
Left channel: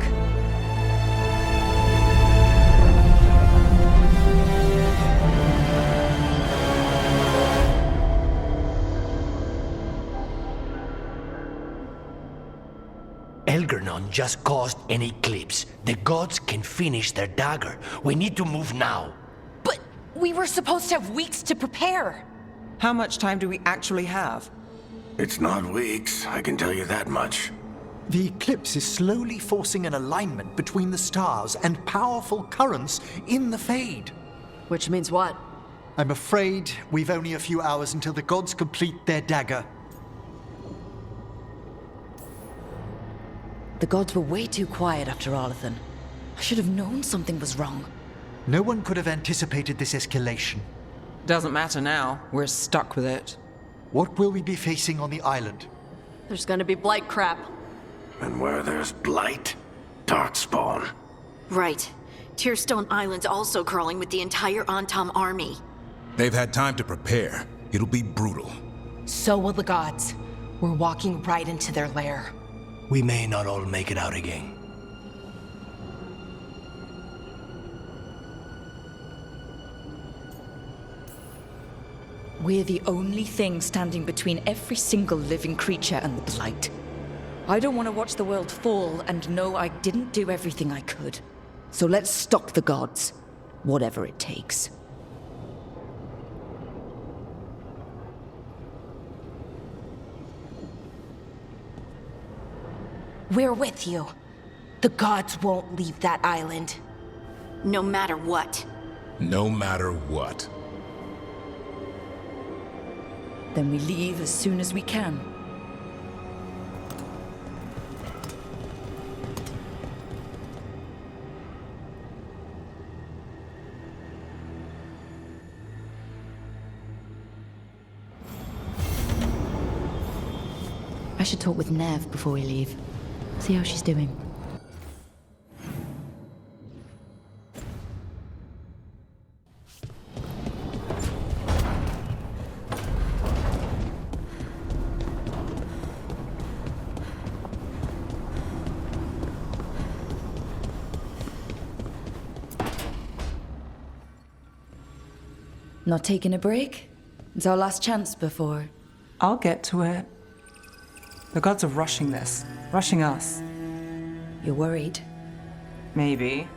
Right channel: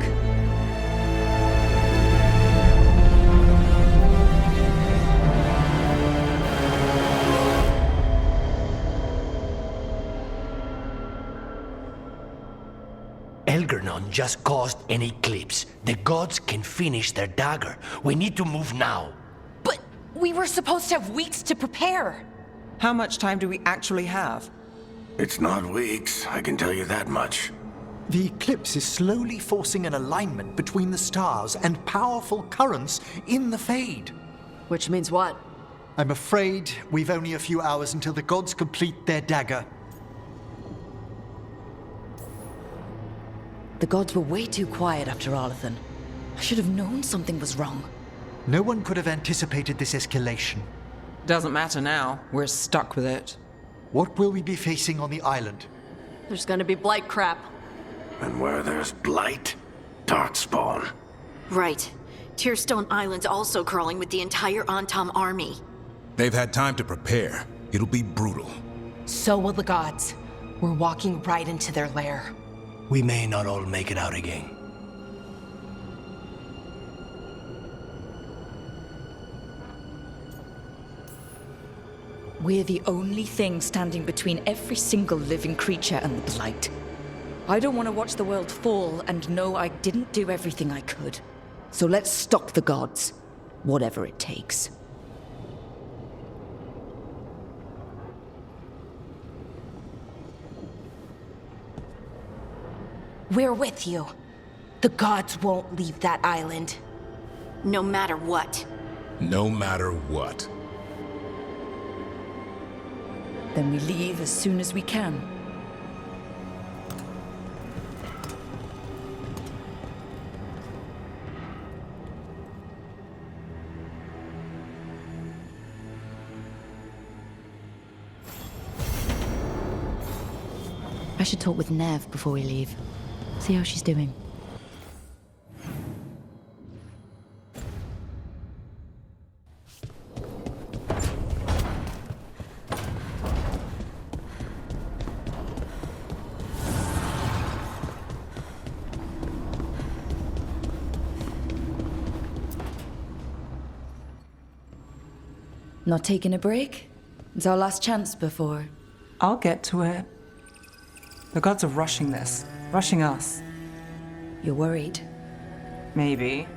Elgernon just caused an eclipse. The gods can finish their dagger. We need to move now. But we were supposed to have weeks to prepare. How much time do we actually have? It's not weeks, I can tell you that much. The eclipse is slowly forcing an alignment between the stars and powerful currents in the Fade. Which means what? I'm afraid we've only a few hours until the gods complete their dagger. The gods were way too quiet after Arlathan. I should have known something was wrong. No one could have anticipated this escalation. Doesn't matter now. We're stuck with it. What will we be facing on the island? There's gonna be blight crap. And where there's blight, darkspawn. Right. Tearstone Island's also crawling with the entire Antam army. They've had time to prepare. It'll be brutal. So will the gods. We're walking right into their lair. We may not all make it out again. We're the only thing standing between every single living creature and the Blight. I don't want to watch the world fall and know I didn't do everything I could. So let's stop the gods, whatever it takes. We're with you. The gods won't leave that island. No matter what. No matter what. Then we leave as soon as we can. I should talk with Nev before we leave. See how she's doing. Not taking a break? It's our last chance before... I'll get to it. The gods are rushing this. Rushing us. You're worried? Maybe.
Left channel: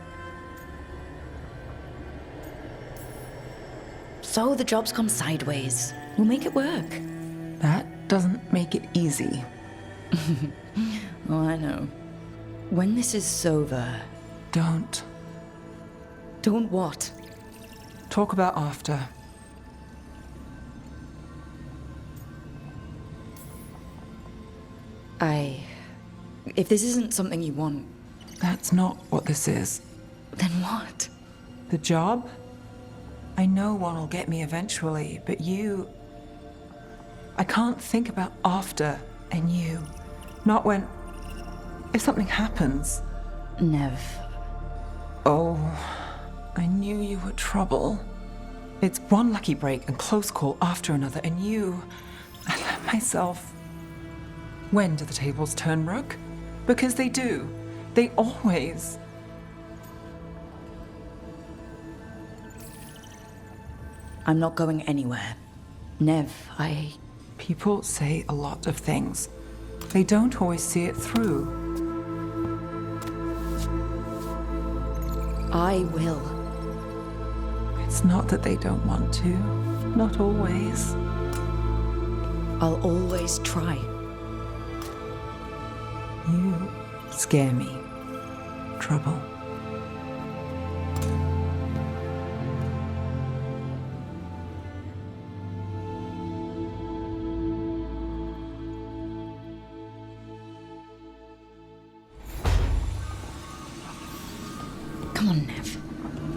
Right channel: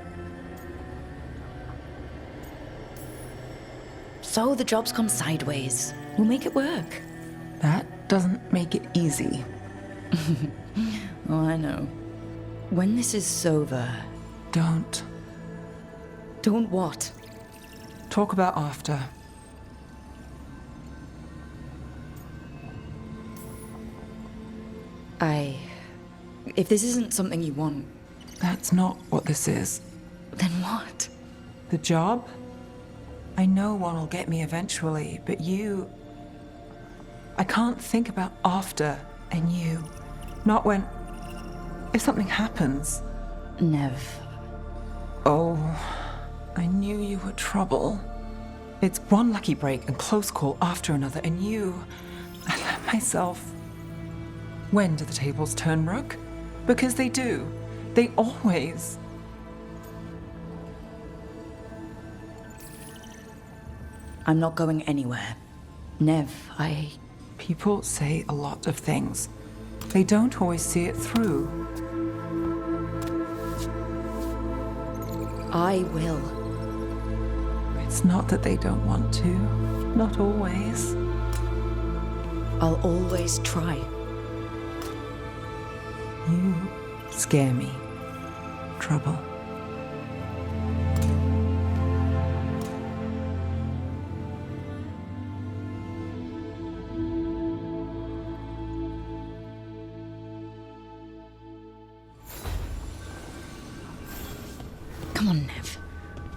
So the job's gone sideways. We'll make it work. That doesn't make it easy. Oh, I know. When this is over... Don't. Don't what? Talk about after. If this isn't something you want... That's not what this is. Then what? The job? I know one will get me eventually, but you... I can't think about after and you. Not when... If something happens. Nev. Oh, I knew you were trouble. It's one lucky break and close call after another, and you... I let myself... When do the tables turn, Rook? Because they do. They always... I'm not going anywhere. Nev, People say a lot of things. They don't always see it through. I will. It's not that they don't want to. Not always. I'll always try. You scare me. Trouble. Come on, Nev.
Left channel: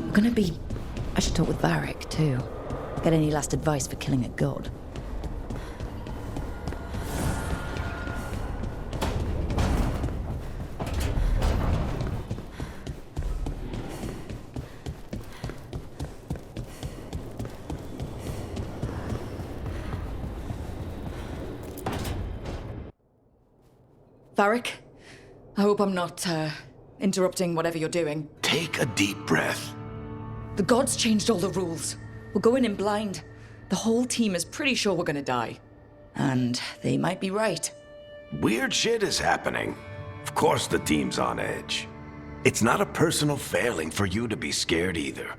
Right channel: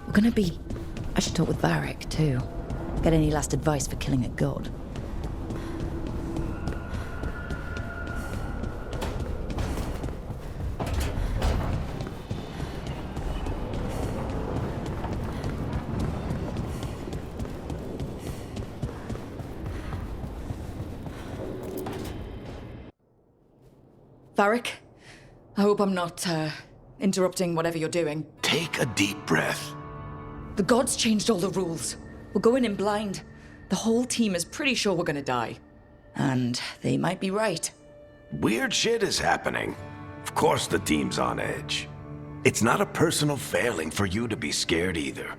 We're gonna be... I should talk with Varric, too. Get any last advice for killing a god. Varric, I hope I'm not, interrupting whatever you're doing. Take a deep breath. The gods changed all the rules. We're going in blind. The whole team is pretty sure we're gonna die. And they might be right. Weird shit is happening. Of course the team's on edge. It's not a personal failing for you to be scared either.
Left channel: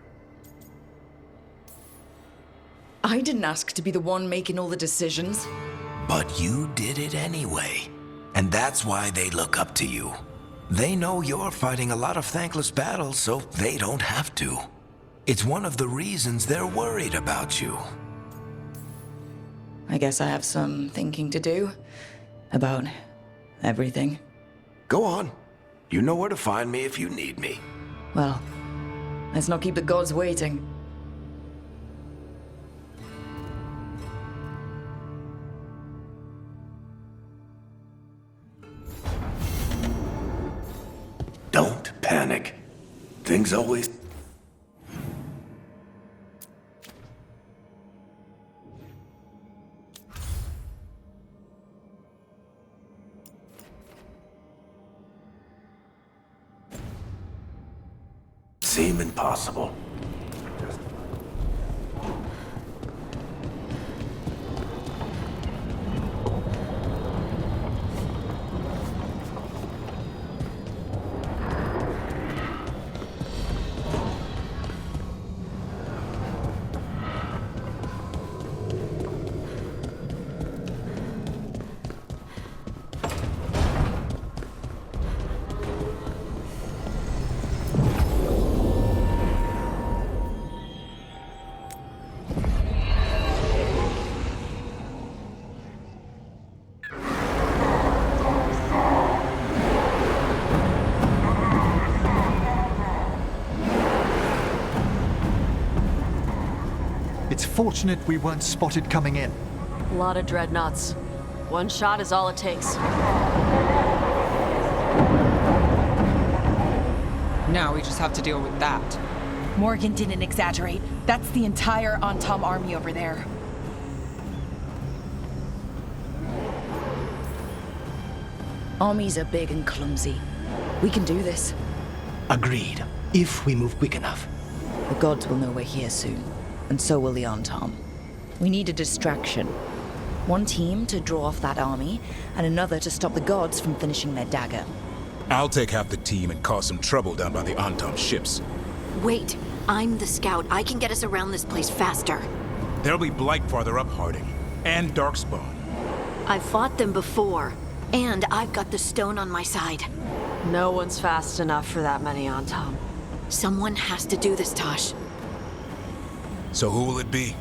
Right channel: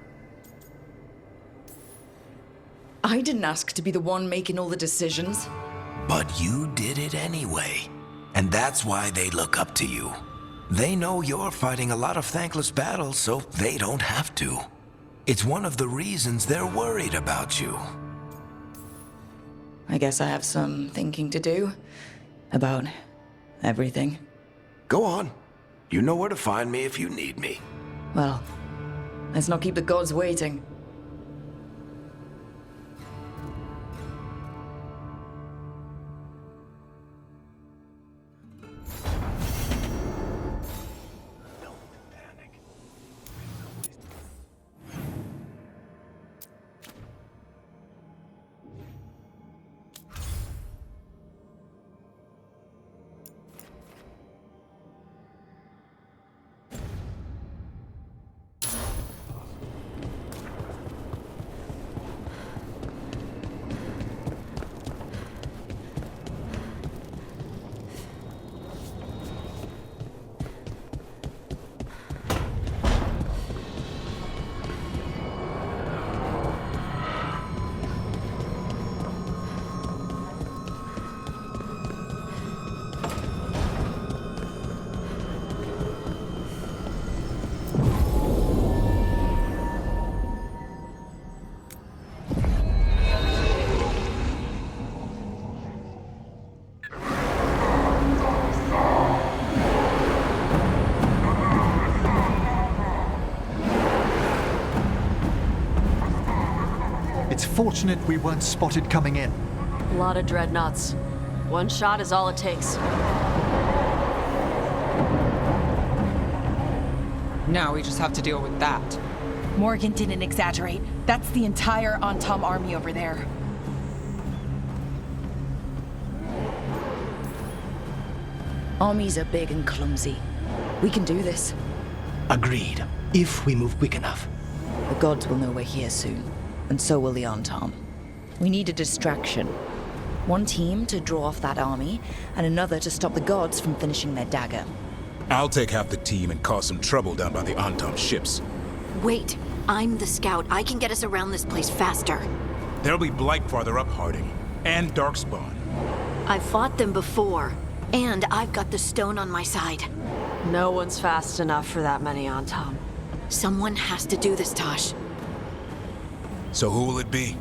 I didn't ask to be the one making all the decisions. But you did it anyway. And that's why they look up to you. They know you're fighting a lot of thankless battles, so they don't have to. It's one of the reasons they're worried about you. I guess I have some thinking to do. About everything. Go on. You know where to find me if you need me. Well, let's not keep the gods waiting. Don't panic. Things always... seem impossible. It's fortunate we weren't spotted coming in. A lot of dreadnoughts. One shot is all it takes. Now we just have to deal with that. Morgan didn't exaggerate. That's the entire Antom army over there. Armies are big and clumsy. We can do this. Agreed. If we move quick enough. The gods will know we're here soon, and so will the Antom. We need a distraction. One team to draw off that army, and another to stop the gods from finishing their dagger. I'll take half the team and cause some trouble down by the Antom ships. Wait, I'm the scout. I can get us around this place faster. There'll be Blight farther up, Harding. And Darkspawn. I've fought them before, and I've got the stone on my side. No one's fast enough for that many Antom. Someone has to do this, Tosh. So who will it be?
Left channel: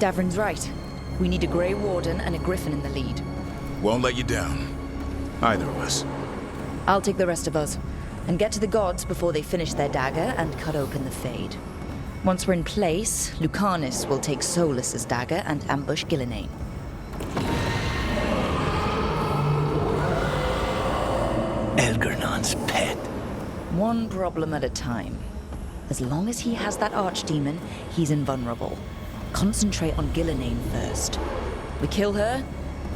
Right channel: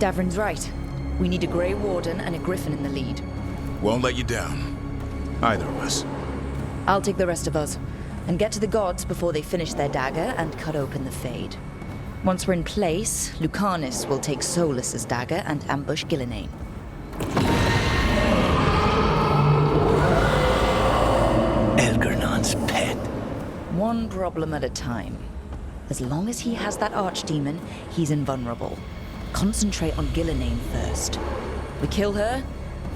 Davrin's right. We need a Grey Warden and a Griffin in the lead. Won't let you down. Either of us. I'll take the rest of us, and get to the gods before they finish their dagger and cut open the Fade. Once we're in place, Lucanus will take Solus's dagger and ambush Gillenane. Elgernon's pet. One problem at a time. As long as he has that archdemon, he's invulnerable. Concentrate on Gillenane first. We kill her,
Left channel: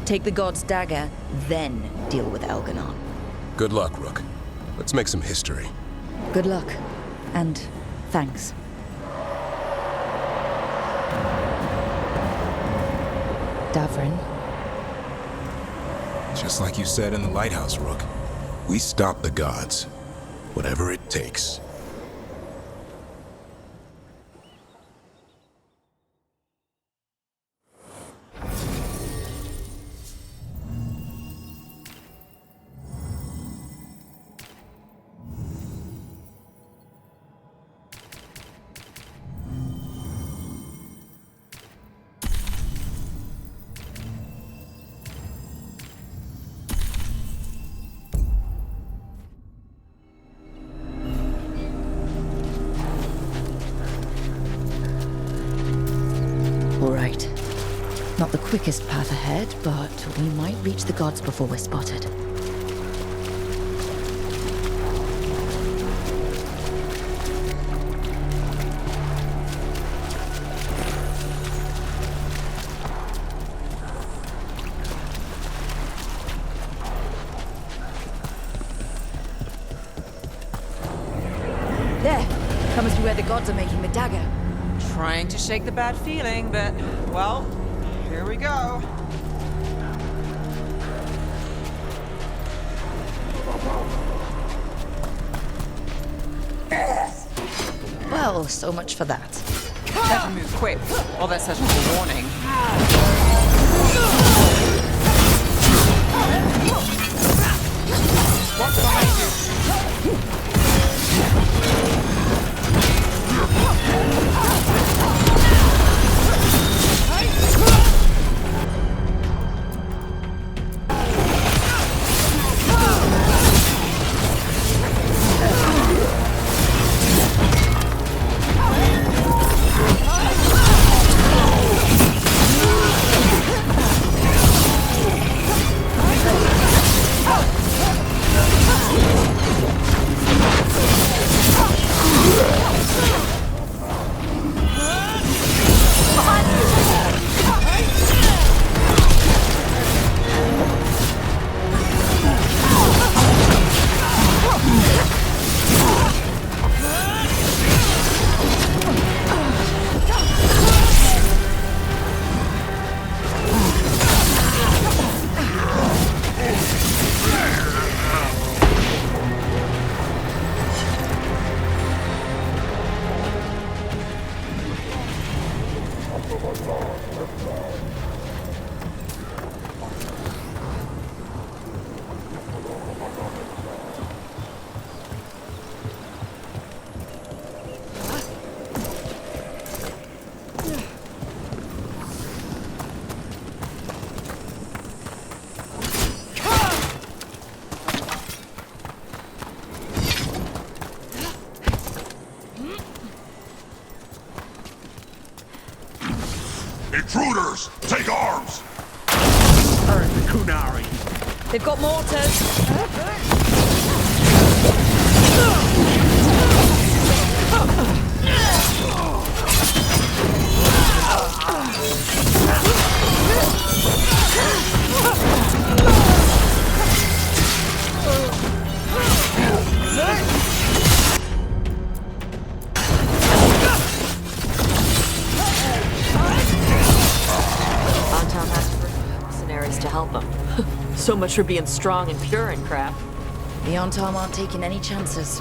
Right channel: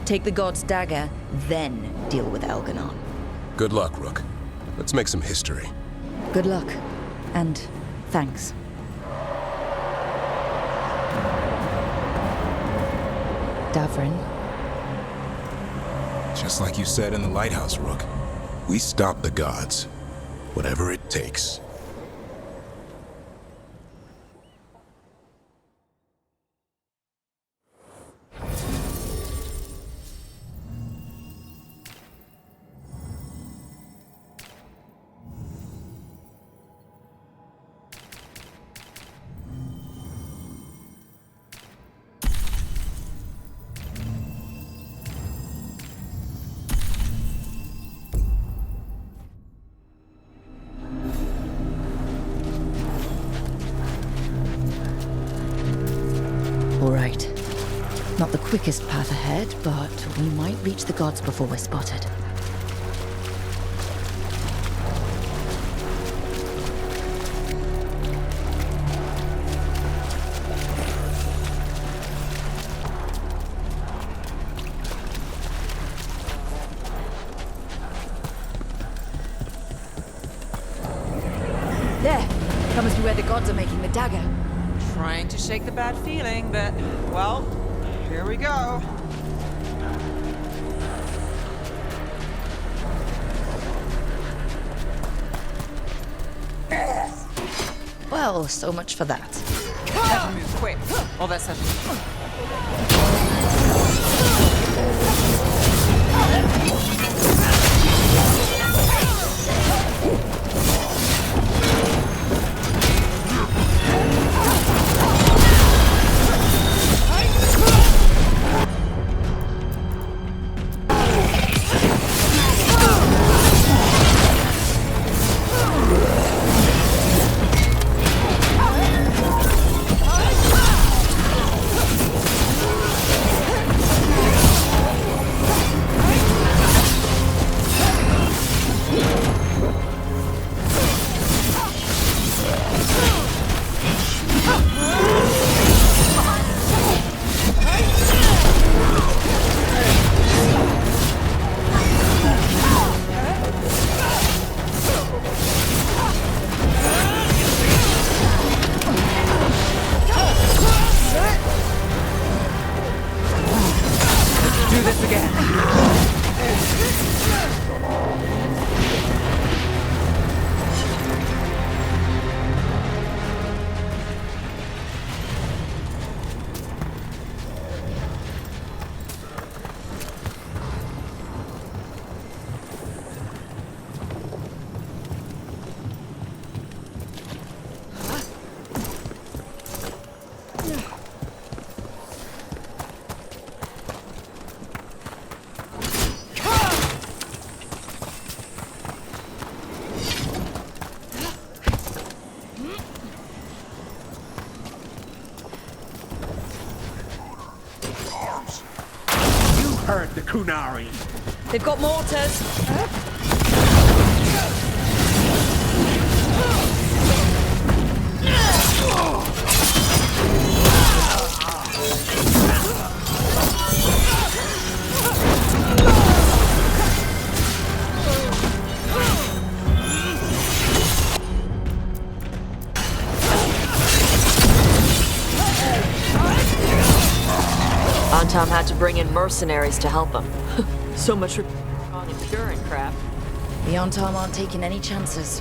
take the god's dagger, then deal with Elgernon. Good luck, Rook. Let's make some history. Good luck. And thanks. Davrin. Just like you said in the lighthouse, Rook. We stop the gods. Whatever it takes. All right. Not the quickest path ahead, but we might reach the gods before we're spotted. There! That must be where the gods are making the dagger. Trying to shake the bad feeling, but, well, here we go. Well, so much for that. Better move quick, or there's such a warning. hurt the Kunari. They've got mortars. Antom had to bring in mercenaries to help him. So much for being strong and pure and crap. The Antom aren't taking any chances.